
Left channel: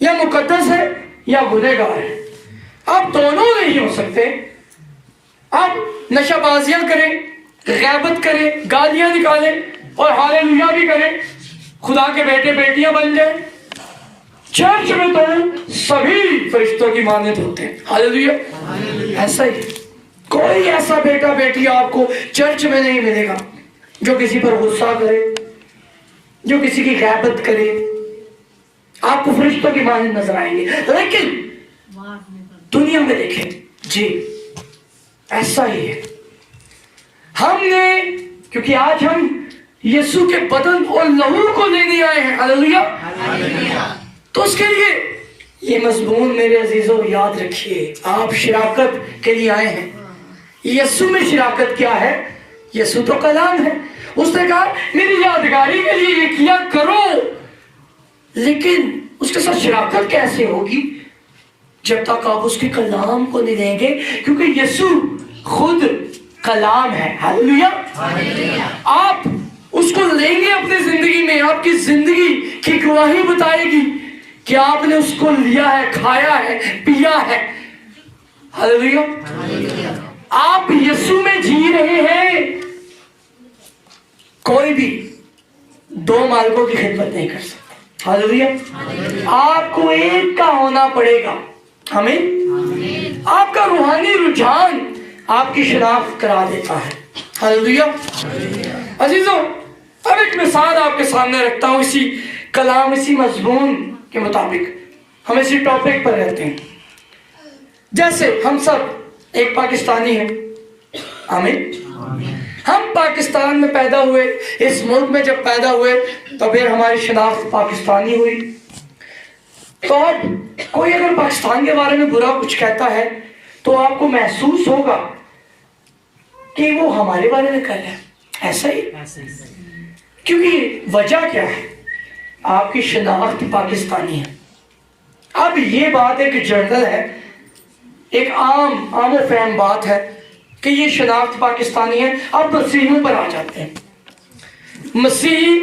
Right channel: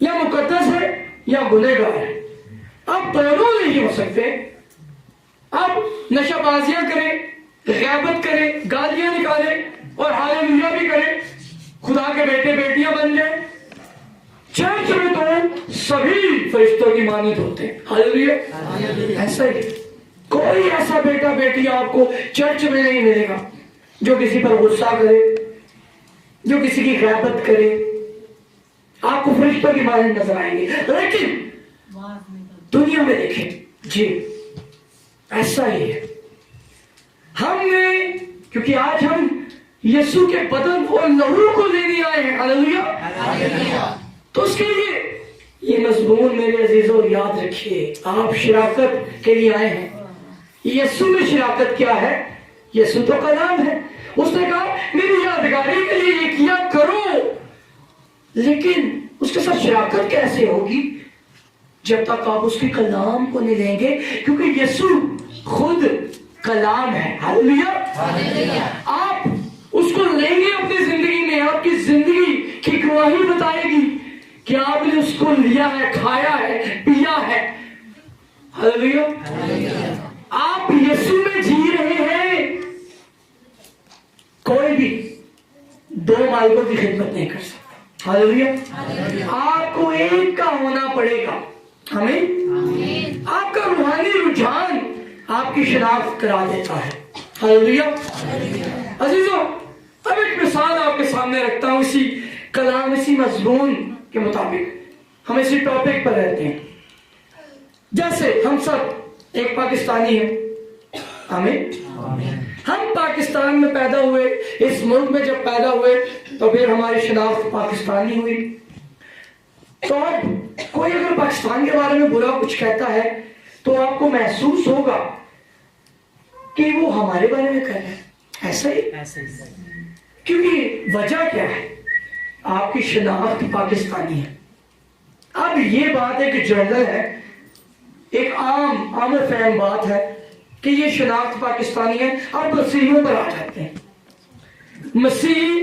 یا مقدس ہے یا گنہگار ہے. آپ دونوں نہیں ہو سکتے. آپ نشہ بازیاں کریں، غیبت کریں، گالیاں نکالیں اور ہاللیلویا بھی کریں، خدا کے بیٹے بیٹیاں بن جائیں. چرچ میں تو سبھی فرشتوں کی مانند ہوتے ہیں. ہاللیلویا. ایسا ہی کوئی ایسا بیٹا بیٹی آپ کو چرچ میں نہیں ملے گا جو کسی پر غصہ کرے، جو کسی کی غیبت کرے. آپ کو فرشتوں کی مانند نظر آئیں گے. لیکن دنیا میں دیکھیں جی ایسا ہی ہے. ہم نے، کیونکہ آج ہم یسوع کے بدن اور لہو کو لینے آئے ہیں. ہاللیلویا. تو اس کے لیے یہ مضمون میرے عزیزوں یاد رکھیے. آپ شراکت کے لیے آئے ہیں. یسوع میں شراکت کیا ہے؟ یسوع تو کلام ہے. اس نے کہا میری یادگاری کے لیے یہ کیا کرو. لیکن اس کے ساتھ شراکت کیسے ہوگی؟ جب تک آپ اس کے کلام کو نہیں لیں گے، کیونکہ یسوع خود کلام ہے. ہاللیلویا. آپ اس کو لیں گے اپنی زندگی میں، آپ کی زندگی کی گواہی بتائے گی کہ آپ نے اس کو لیا ہے، کھایا ہے، پیا ہے. ہاللیلویا. آپ یسوع میں جی رہے ہیں. کوئی بھی دو مالکوں کی خدمت نہیں کر سکتا. ہاللیلویا. آپ کو ایک کا ہونا پڑے گا. ہمیں آپ کا روحانی رجحان آپ کی شناخت کرا دیتا ہے. ہاللیلویا. عزیزوں، اب ایک مثال آپ کے سامنے رکھتا ہوں اسی کلام، اسی مضمون کے مطابق. ہم اسی ٹاپک پر رہتے ہیں. جیسے ہم سب ایک پاکستانی ہیں. آمین. ہم پاکستان میں پیدا ہوئے، اس ملک میں جب پیدا ہوئے تو پھر ہماری شناخت پاکستانی ہوئی. تو اب کوئی اگر پاکستان کے بارے میں برا کچھ کہتا ہے تو آپ کو محسوس ہوگا کہ وہ ہمارے بارے میں کہہ رہا ہے. ایسا ہی. کیونکہ وجہ کیا ہے؟ آپ کی شناخت پاکستانی ہے. اب یہ بات ایک جنرل ہے، ایک عام و فہم بات ہے کہ یہ شناخت پاکستانی ہے. اب مسیحیوں پر آ جاتے ہیں. مسیحی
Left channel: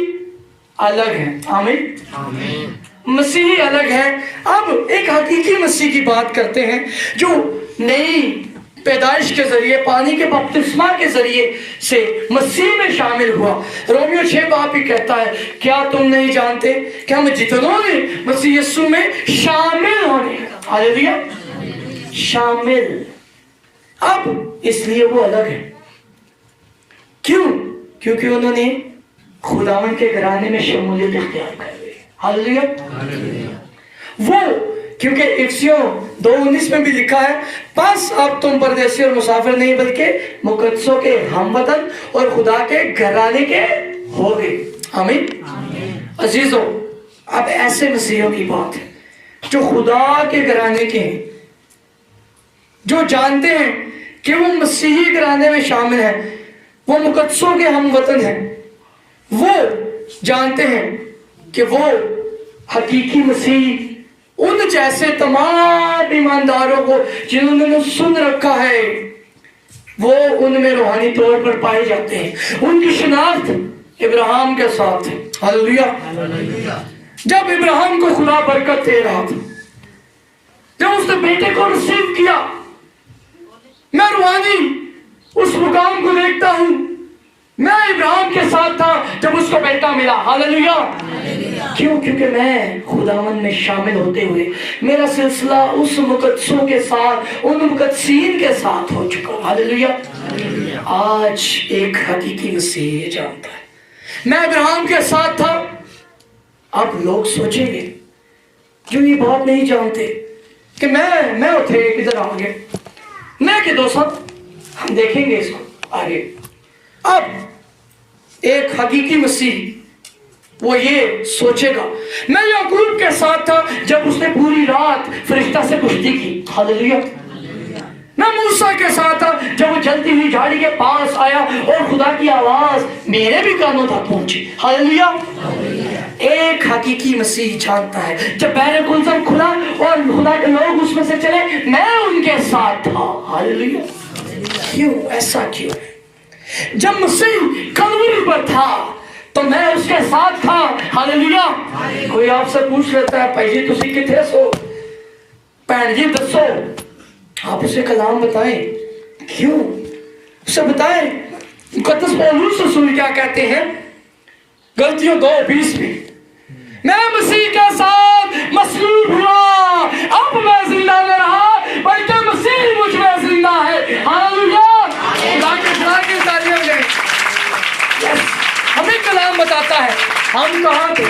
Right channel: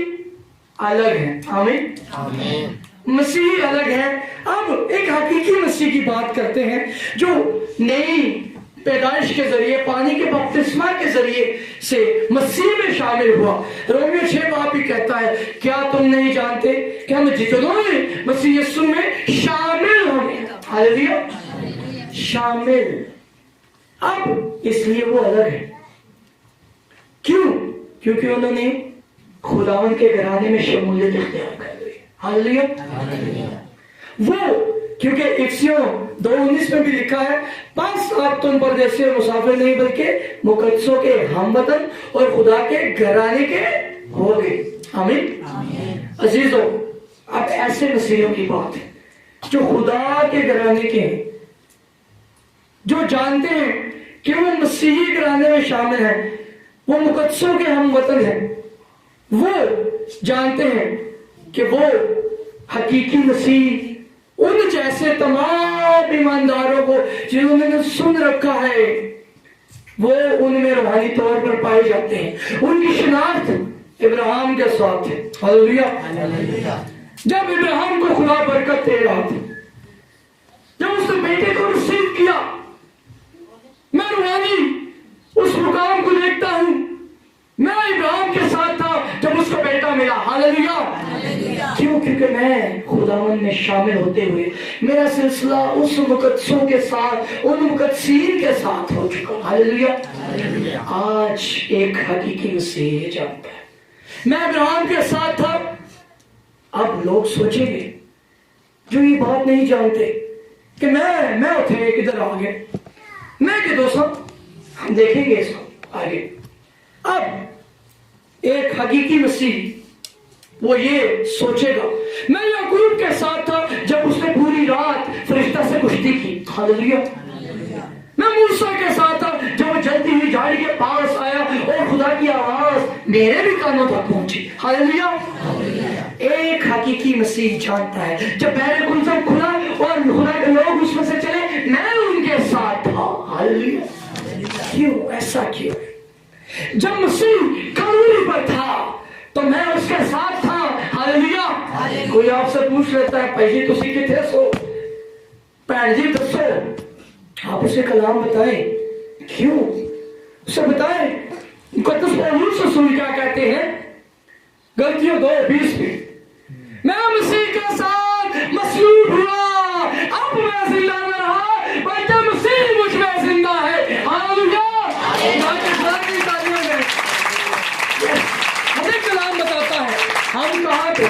الگ ہیں. آمین. مسیحی الگ ہے. اب ایک حقیقی مسیح کی بات کرتے ہیں جو نئی پیدائش کے ذریعے، پانی کے بپتسمہ کے ذریعے سے مسیح میں شامل ہوا. رومیو 6 باب ہی کہتا ہے کیا تم نہیں جانتے کہ ہم جتنوں نے مسیح یسوع میں شامل ہونے. ہاللیلویا. शामिल। अब इसलिए वो अलग है। क्यों? क्योंकि उन्होंने खुदावन के घराने में शमूलियत इख्तियार कर ली। हालेलुया। वो क्योंकि इफिसियों 2:19 में भी लिखा है, बस अब तुम परदेसी और मुसाफिर नहीं बल्कि मुकद्दसों के हमवतन और खुदा के घराने के हो गए। आमीन। अजीजों, अब ऐसे मसीहों की बात है जो खुदा के घराने के हैं, जो जानते हैं कि वो मसीही घराने में शामिल हैं, वो मुकद्दसों के हमवतन हैं, वो जानते हैं कि वो हकीकी मसीह उन जैसे तमाम ईमानदारों को जिन्होंने सुन रखा है, वो उनमें रूहानी तौर पर पाए जाते हैं। उनकी शिनाख्त इब्राहिम के साथ है। हालेलुया। जब इब्राहिम को खुदा बरकत दे रहा था, जब उसने बेटे को रिसीव किया, मैं रूहानी उस मुकाम को देखता हूं, मैं इब्राहिम के साथ था जब उसको बेटा मिला। हालेलुया। क्यों? क्योंकि मैं खुदावन में शामिल होते हुए मेरा सिलसिला उस मुकद्दसों के साथ, उन मुकद्दसीन के साथ हो चुका। हालेलुया। आज एक हकीकी मसीह जानता है, मैं इब्राहिम के साथ था। अब लोग सोचेंगे जो ये बात नहीं जानते कि मैं थे किधर आ गए, मैं कि दोस्तों हम देखेंगे इसको आगे। अब एक हकीकी मसीह वो ये सोचेगा, मैं याकूब के साथ था जब उसने पूरी रात फरिश्ता से कुश्ती की। हालेलुया। मैं मूसा के साथ था जब वो जलती हुई झाड़ी के पास आया और खुदा की आवाज मेरे भी कानों तक पहुंची। हालेलुया। एक हकीकी मसीह जानता है जब बहरे गुलशन खुला और खुदा के लोग उसमें से चले, मैं उनके साथ था। हालेलुया। क्यों? ऐसा क्यों? जब मसीह कलवरी पर था तो मैं उसके साथ था। हालेलुया। कोई आपसे पूछ लेता है, भाई जी तुसी किथे सो, भैन जी दसो, आप उसे कलाम बताएं। क्यों? उसे बताएं। मुकद्दस पौलुस रसूल क्या कहते हैं? गलतियों 2:20 में, मैं मसीह के साथ मसलूब हुआ, अब मैं जिंदा न रहा बल्कि मसीह मुझ में जिंदा है। हालेलुया। हमें कलाम बताता है हम कहाँ थे,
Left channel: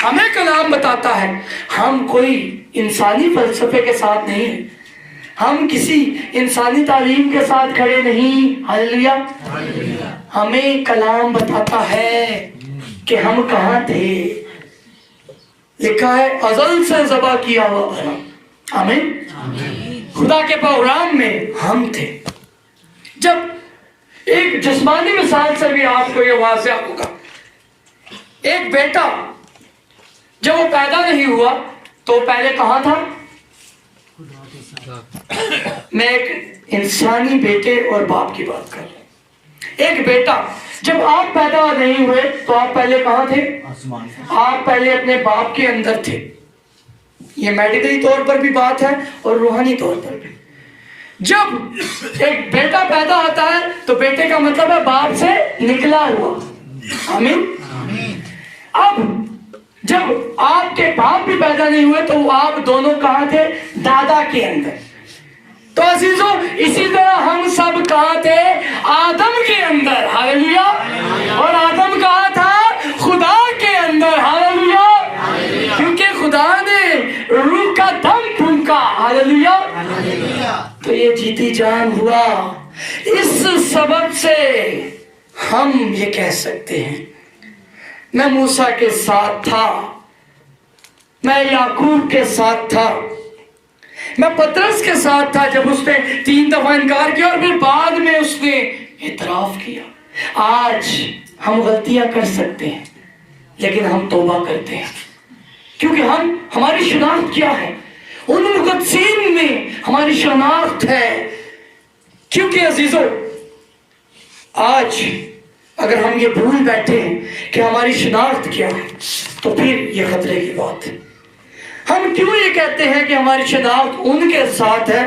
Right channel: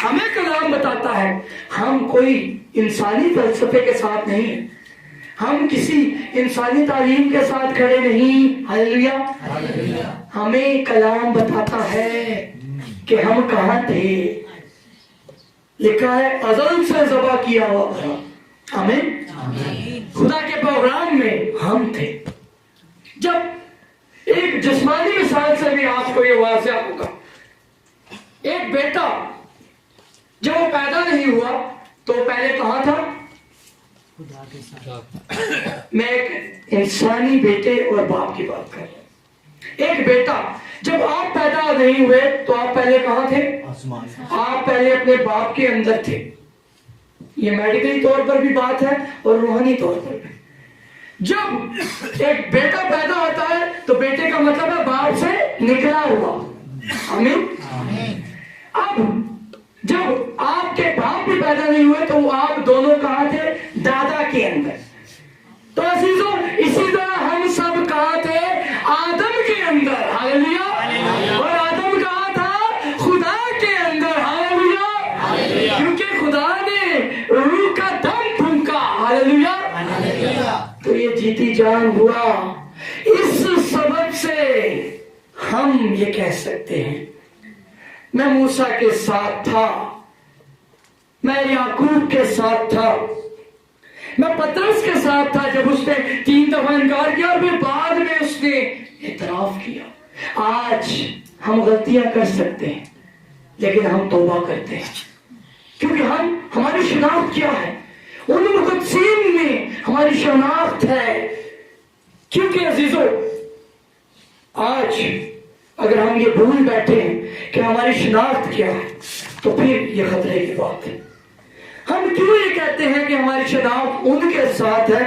हमें कलाम बताता है हम कोई इंसानी फलसफे के साथ नहीं है, हम किसी इंसानी तालीम के साथ खड़े नहीं। हालेलुया। हमें कलाम बताता है कि हम कहाँ थे। लिखा है अज़ल से ज़बा किया हुआ भला। आमीन। खुदा के प्रोग्राम में हम थे। जब एक जिस्मानी मिसाल से भी आपको ये वाज़िह होगा, एक बेटा जब वो पैदा नहीं हुआ तो पहले कहाँ था? मैं एक इंसानी बेटे और बाप की बात कर रहा हूं। एक बेटा जब आप पैदा नहीं हुए तो आप पहले कहाँ थे? आप पहले अपने बाप के अंदर थे। ये मेडिकली तौर पर भी बात है और रूहानी तौर पर भी। जब एक बेटा पैदा होता है तो बेटे का मतलब है बाप से निकला हुआ। आमीन। अब जब आपके बाप भी पैदा नहीं हुए तो आप दोनों कहाँ थे? दादा के अंदर। तो अजीजों, इसी तरह हम सब कहाँ थे? आदम के अंदर। हालेलुया। और आदम कहाँ था? खुदा के अंदर। हालेलुया। क्योंकि खुदा ने रूह का दम फूंका। हालेलुया। तो ये जीती जान हुआ। इस सबब से हम ये कह सकते हैं मैं मूसा के साथ था, मैं याकूब के साथ था, मैं पतरस के साथ था जब उसने 3 दफा इनकार किया और फिर बाद में उसने इतराफ किया। आज हम गलतियां कर सकते हैं लेकिन हम तौबा करते हैं क्योंकि हमारी शनाख्त क्या है? उन मुकद्दसीन में हमारी शनाख्त है। क्योंकि अजीजों, आज अगर हम ये भूल बैठे हैं कि हमारी शनाख्त क्या है तो फिर ये खतरे की बात है। हम क्यों ये कहते हैं कि हमारी शनाख्त उनके साथ है?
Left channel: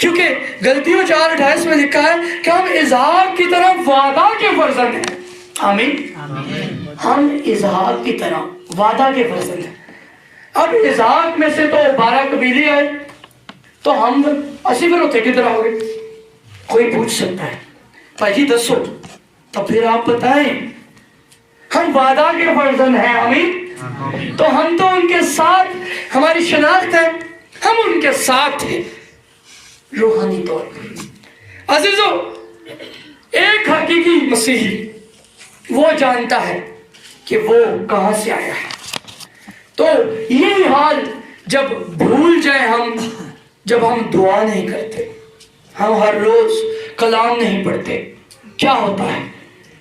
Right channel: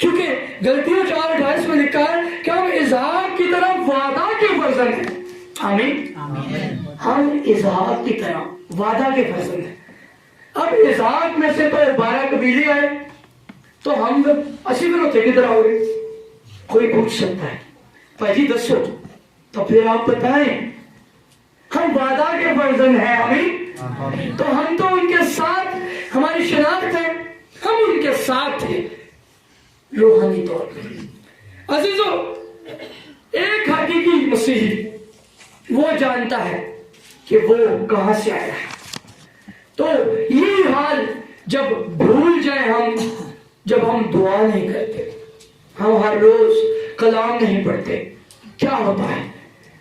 क्योंकि गलतियों 4:28 में लिखा है कि हम इसहाक की तरह वादा के फर्जंद हैं। आमीन। हम इसहाक की तरह वादा के फर्जंद हैं। अब इसहाक में से तो 12 कबीले आए, تو ہم اسی پھر اتنے کدھر آؤ گے؟ کوئی پوچھ سکتا ہے بھائی جی دسو، تو پھر آپ بتائیں ہم وعدہ کے فرزند ہیں، آمین، تو ہم تو ان کے ساتھ ہماری شناخت ہے، ہم ان کے ساتھ ہیں روحانی طور پر۔ عزیزو، ایک حقیقی مسیحی وہ جانتا ہے کہ وہ کہاں سے آیا ہے۔ تو یہی حال جب بھول جائے ہم، جب ہم دعا نہیں کرتے، ہم ہر روز کلام نہیں پڑھتے، کیا ہوتا ہے؟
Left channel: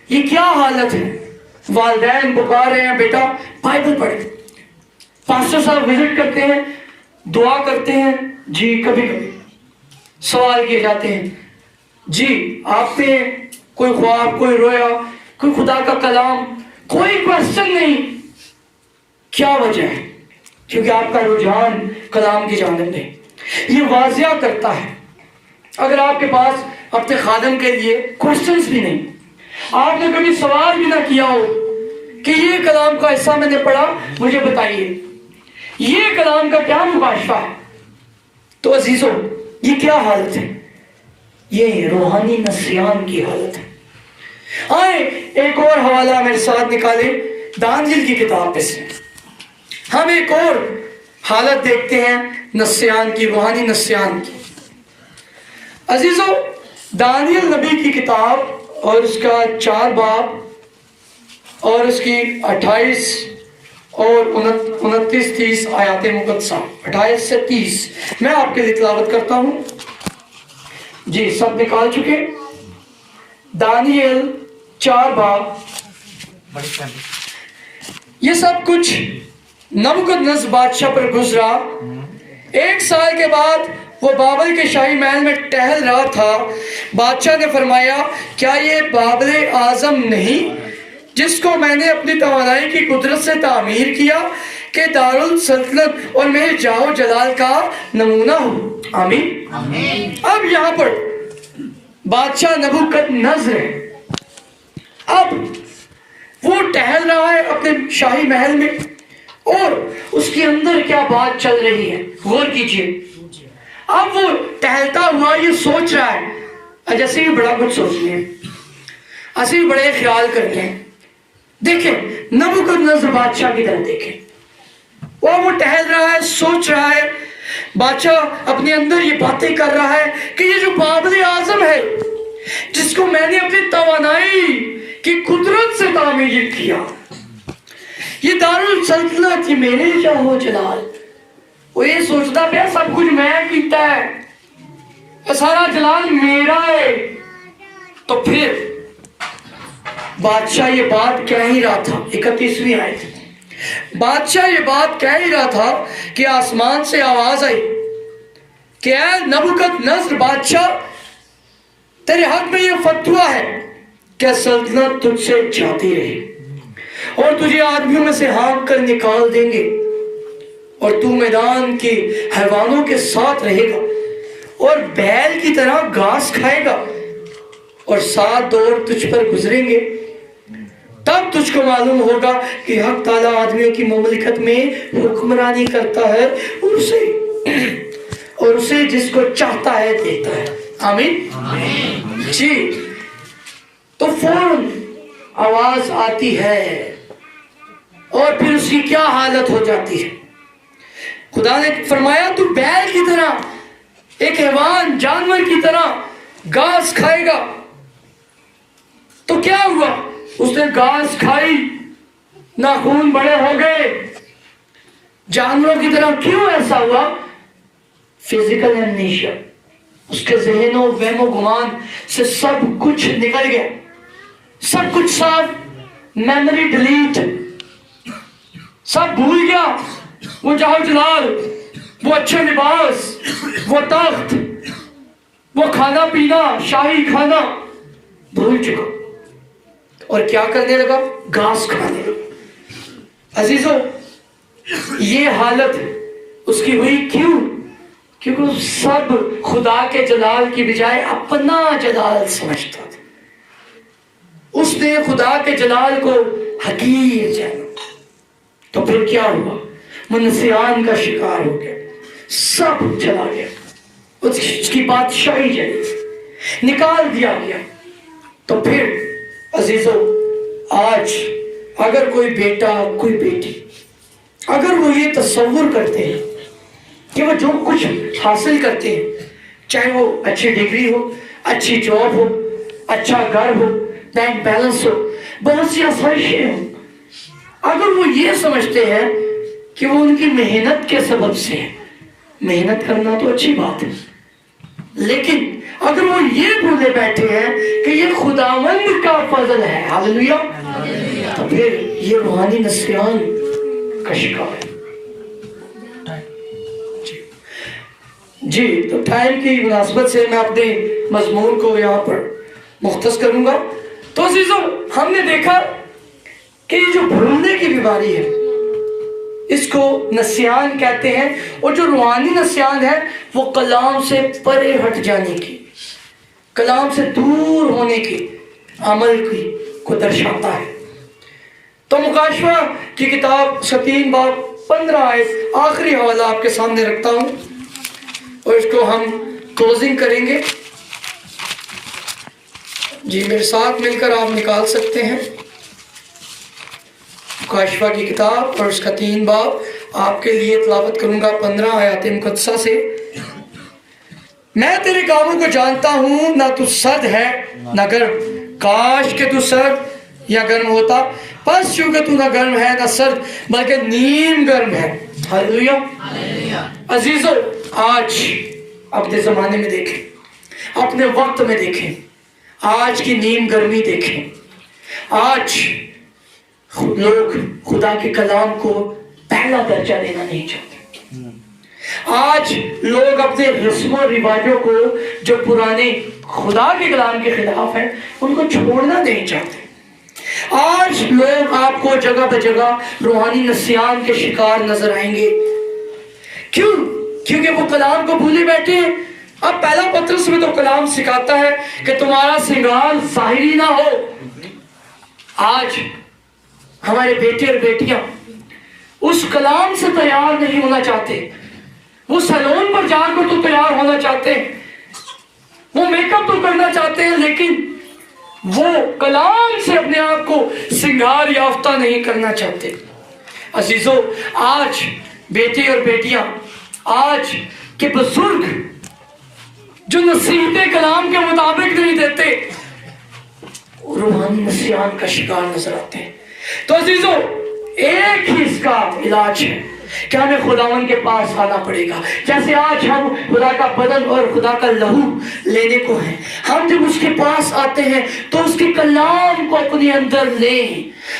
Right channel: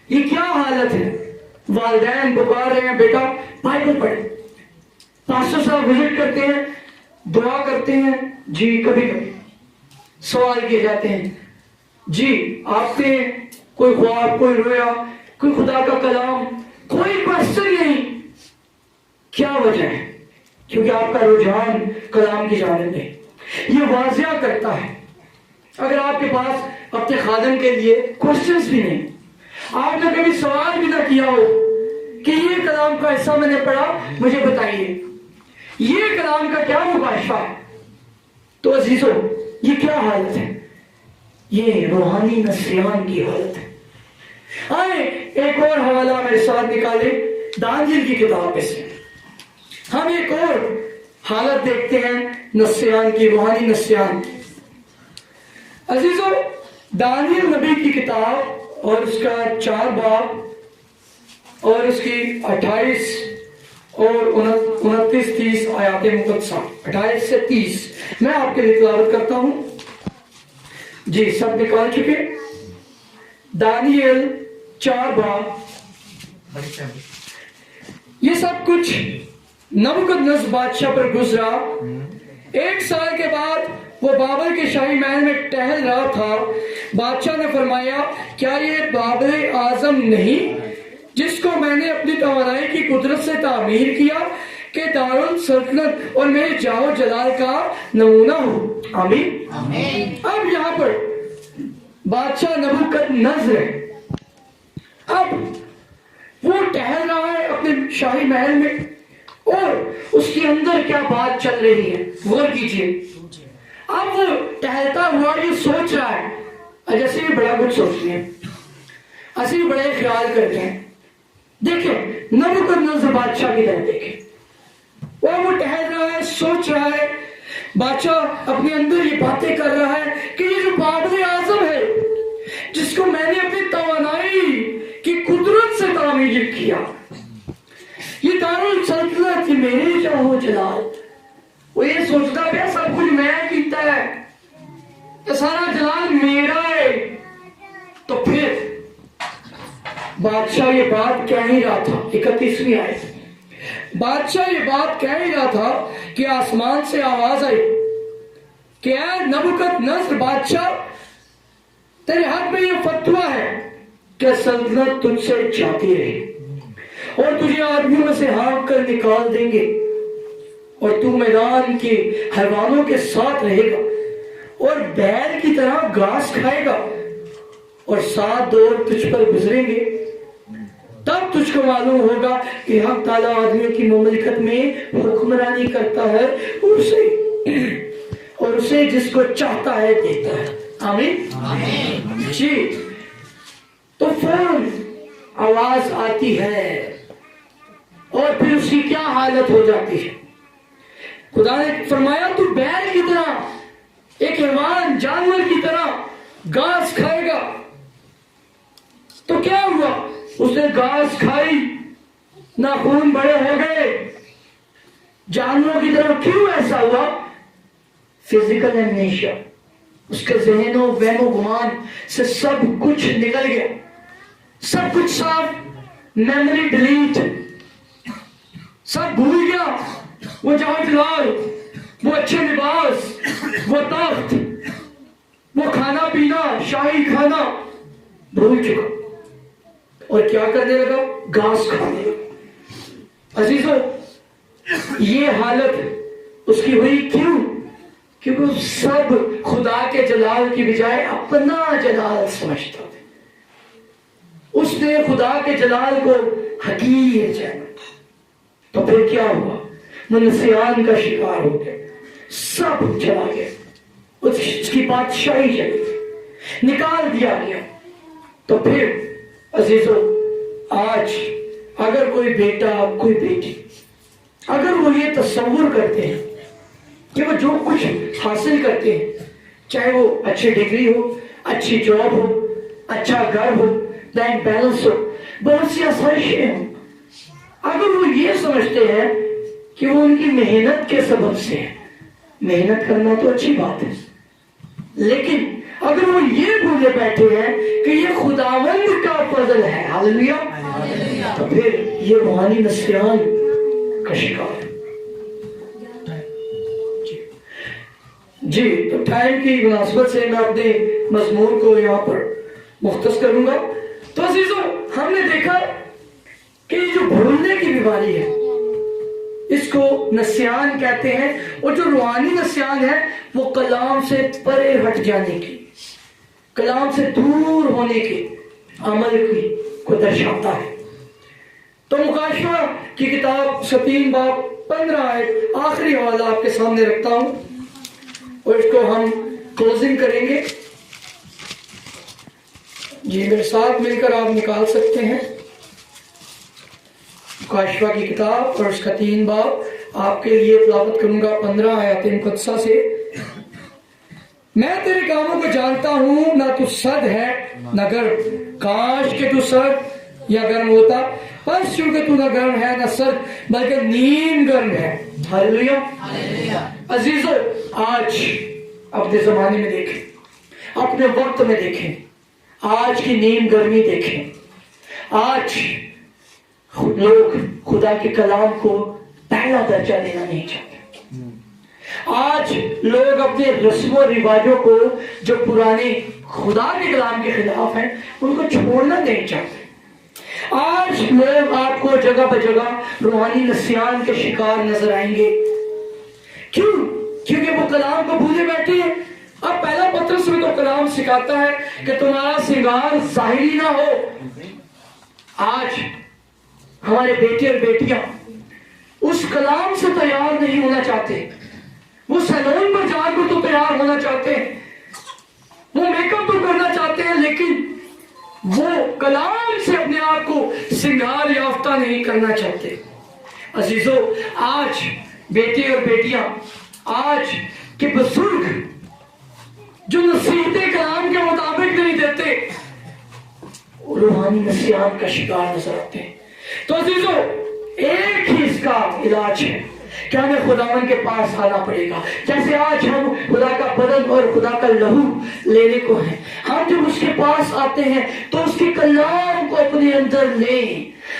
یہ کیا حالت ہے؟ والدین پکار رہے ہیں بیٹا بائبل پڑھیں، پاسٹر صاحب وزٹ کرتے ہیں، دعا کرتے ہیں، جی کبھی کبھی سوال کیے جاتے ہیں، جی آپ نے کوئی خواب، کوئی رویا، کوئی خدا کا کلام، کوئی کوشچن نہیں، کیا وجہ ہے؟ کیونکہ آپ کا رجحان کلام کی جانب ہے۔ یہ واضح کرتا ہے اگر آپ کے پاس اپنے خادم کے لیے کوشچنز بھی نہیں، آپ نے کبھی سوال بھی نہ کیا ہو کہ یہ کلام کا حصہ میں نے پڑھا، مجھے بتائیے یہ کلام کا کیا مباشرہ ہے، تو عزیزو یہ کیا حالت ہے؟ یہ روحانی نسیان کی حالت ہے۔ آئے ایک اور حوالہ میرے ساتھ نکالیں دانیل کی کتاب پہ سے، ہم ایک اور حالت دیکھتے ہیں نسیان کی، روحانی نسیان کی۔ عزیزو، دانیل نبی کی کتاب اور اس کا 4 باب اور اس کی 28 اور 29-30 آیات مقدسہ، 28 سے 30 میں آپ کے لیے تلاوت کرتا ہوں۔ جی سب نکال چکے؟ دانیل 4 باب۔ یہ سب کچھ نبوکدنصر بادشاہ پر گزرا۔ 1 سال کے بعد وہ بابل کے شاہی محل میں ٹہل رہا تھا۔ بادشاہ نے فرمایا، کیا یہ بابل اعظم نہیں جس کو میں نے اپنی توانائی کی قدرت سے تعمیر کیا کہ دارالسلطنت اور میرے جاہ و جلال کا نمونہ ہو؟ آمین۔ اب یہاں پر بادشاہ نبوکدنصر ہے، اب وہ ٹہل رہا ہے اپنے شاہی محل میں، اور اس کے اندر کیا بات چل رہی ہے غور کیجئے۔ اب وہ ٹہلتا ہوا یہ سوچ رہا ہے، جیسے بھی بڑا کچھ سوچتے ہیں، ایسے بھی بڑے خیال کرتے ہیں۔ دیکھیں نبوکدنصر بادشاہ کی طرف دیکھیں، اور وہ ٹہل رہا ہے، سوچ رہا ہے، بادشاہ اپنے اندر یہ باتیں کر رہا ہے کہ یہ جو بابل اعظم ہے جس کو میں نے اپنی توانائی کی قدرت سے تعمیر کیا، یہ دارالسلطنت، یہ میرے جاہ و جلال، وہ یہ سوچتا پیا سب کچھ میں کیتا ہے، سارا جلال میرا ہے۔ تو پھر بادشاہ یہ بات کہہ ہی رہا تھا، 31ویں آیت، بادشاہ یہ بات کہہ ہی رہا تھا کہ آسمان سے آواز آئی کہ اے نبوکدنصر بادشاہ، تیرے حق میں یہ فتویٰ ہے کہ سلطنت تجھ سے جاتی رہے، اور تجھے آدمیوں میں سے ہانک کر نکال دیں گے، اور تو میدان کے حیوانوں کے ساتھ رہے گا، اور بیل کی طرح گھاس کھائے گا، اور 7 دور تجھ پر گزریں گے۔ تب تجھ کو معلوم ہوگا کہ حق تعالیٰ آدمیوں کی مملکت میں حکمرانی کرتا ہے، اور اسے جس کو چاہتا ہے دیتا ہے۔ آمین۔ جی تو فوراً آواز آتی ہے، اور پھر اس کی کیا حالت ہو جاتی ہے؟ خدا نے فرمایا تو بیل کی طرح، ایک حیوان جانور کی طرح گھاس کھائے گا۔ تو کیا ہوا؟ اس نے گھاس کھائی، ناخون بڑے ہو گئے، جانوروں کی طرح۔ کیوں ایسا ہوا؟ فزیکل ایمنیشیا، اس کے ذہن و وہم و گمان سے سب کچھ نکل گیا، سب کچھ صاف، میموری ڈیلیٹ، سب بھول گیا۔ وہ جاہ و جلال، وہ اچھے لباس، وہ تخت، وہ کھانا پینا، شاہی کھانا بھول چکا، اور کیا کرنے لگا؟ گھاس کھانے لگا۔ عزیزو، یہ حالت اس کی ہوئی کیوں؟ کیونکہ وہ سب خدا کے جلال کی بجائے اپنا جلال سمجھتا تھا۔ اس نے خدا کے جلال کو حقیر جانا۔ تو پھر کیا ہوا؟ وہ نسیان کا شکار ہو گیا، سب چلا گیا۔ اس کی بادشاہی چلی، نکال دیا گیا، تو پھر عزیزو آج اگر کوئی بیٹا کوئی بیٹی اگر وہ یہ تصور کرتے ہیں کہ وہ جو کچھ حاصل کرتے ہیں، چاہے وہ اچھی ڈگری ہو، اچھی جاب ہو، اچھا گھر ہو، بینک بیلنس ہو، بہت سی آسائشیں ہوں، اگر وہ یہ سمجھتے ہیں کہ وہ ان کی محنت کے سبب سے ہے، محنت کرنا تو اچھی بات ہے، لیکن اگر وہ یہ بھولے بیٹھے ہیں کہ یہ خداوند کا فضل ہے، ہاللیلویا، تو پھر یہ روحانی نسیان کا شکار ہے۔ جی تو ٹائم کی مناسبت سے میں اپنے مضمون کو یہاں پر مختص کروں گا۔ تو عزیزوں ہم نے دیکھا کہ یہ جو بھولنے کی بیماری ہے اس کو نسیان کہتے ہیں، اور جو روحانی نسیان ہے وہ کلام سے پرے ہٹ جانے کی، کلام سے دور ہونے کی عمل کی کو درشاتا ہے۔ تو مکاشفہ کی کتاب 3 باب 15 آیت آخری حوالہ آپ کے سامنے رکھتا ہوں اور اس کو ہم کلوزنگ کریں گے۔ جی میرے ساتھ مل کر آپ نکال سکتے ہیں مکاشفہ کی کتاب اور اس کا 3 باب، آپ کے لیے تلاوت کروں گا 15 آیات مقدسہ سے۔ میں تیرے کاموں کو جانتا ہوں، نہ تو سرد ہے نہ گرم، کاش کہ تو سرد یا گرم ہوتا، پس چونکہ تو نہ گرم ہے نہ سرد بلکہ نیم گرم ہے۔ ہاللیلویا۔ عزیزو آج اپنے زمانے میں دیکھیں، اپنے وقت میں دیکھیں، آج کی نیم گرمی دیکھیں، آج لوگ خدا کے کلام کو پہلا درجہ دینا نہیں چاہتے، آج لوگ اپنے رسم و رواجوں کو جو پرانے خدا کے کلام کے خلاف ہیں ان کو چھوڑنا نہیں چاہتے، آج لوگ آپ کو جگہ بہ جگہ روحانی نسیان کے شکار نظر آئیں گے۔ کیوں؟ کیونکہ وہ کلام کو بھولے بیٹھے ہیں۔ اب پہلا پترس میں تو کلام سکھاتا ہے کہ تمہارا سنگار ظاہری نہ ہو۔ آج ہمارے بیٹے اور بیٹیاں اس کلام سے تیار نہیں ہونا چاہتے، وہ سیلون پر جا کر تو تیار ہونا چاہتے ہیں، وہ میک اپ تو کرنا چاہتے ہیں، لیکن وہ کلام سے اپنے آپ کو سنگار یافتہ نہیں کرنا چاہتے۔ عزیزو آج بیٹے اور بیٹیاں، آج کے بزرگ جو نصیحتیں کلام کے مطابق نہیں دیتے، روحانی نسیان کا شکار نظر آتے ہیں۔ تو عزیزو ایک ہی اس کا علاج ہے کہ ہمیں خداوند کے پاس آنا پڑے گا۔ جیسے آج ہم خدا کا بدن اور خدا کا لہو لینے کو ہیں، ہم جب اس کے پاس آتے ہیں تو اس کے کلام کو اپنے اندر لیں،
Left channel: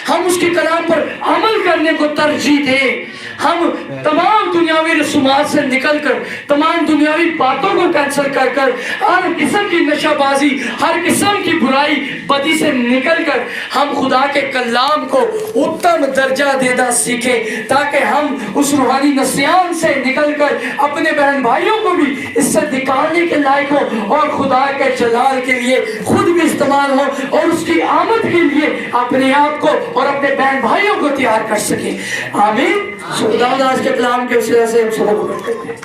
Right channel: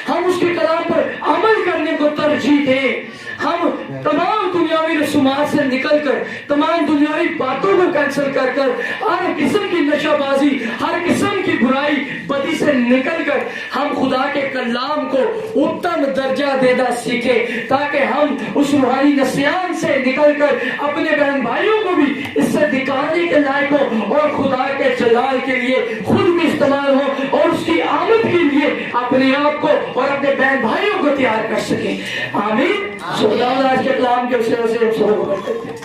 ہم اس کے کلام پر عمل کرنے کو ترجیح دیں، ہم تمام دنیاوی رسومات سے نکل کر، تمام دنیاوی باتوں کو کینسل کر کر، ہر قسم کی نشہ بازی، ہر قسم کی برائی بدی سے نکل کر ہم خدا کے کلام کو اتم درجہ دینا سیکھیں، تاکہ ہم اس روحانی نسیان سے نکل کر اپنے بہن بھائیوں کو بھی اس سے نکالنے کے لائق ہو اور خدا کے جلال کے لیے خود بھی استعمال ہو اور اس کی آمد کے لیے اپنے آپ کو اور اپنے بہن بھائیوں کو تیار کر سکیں۔ آمین۔ خدا آج کے کلام کے وسیلے سے ہم سب کو کرتے ہیں۔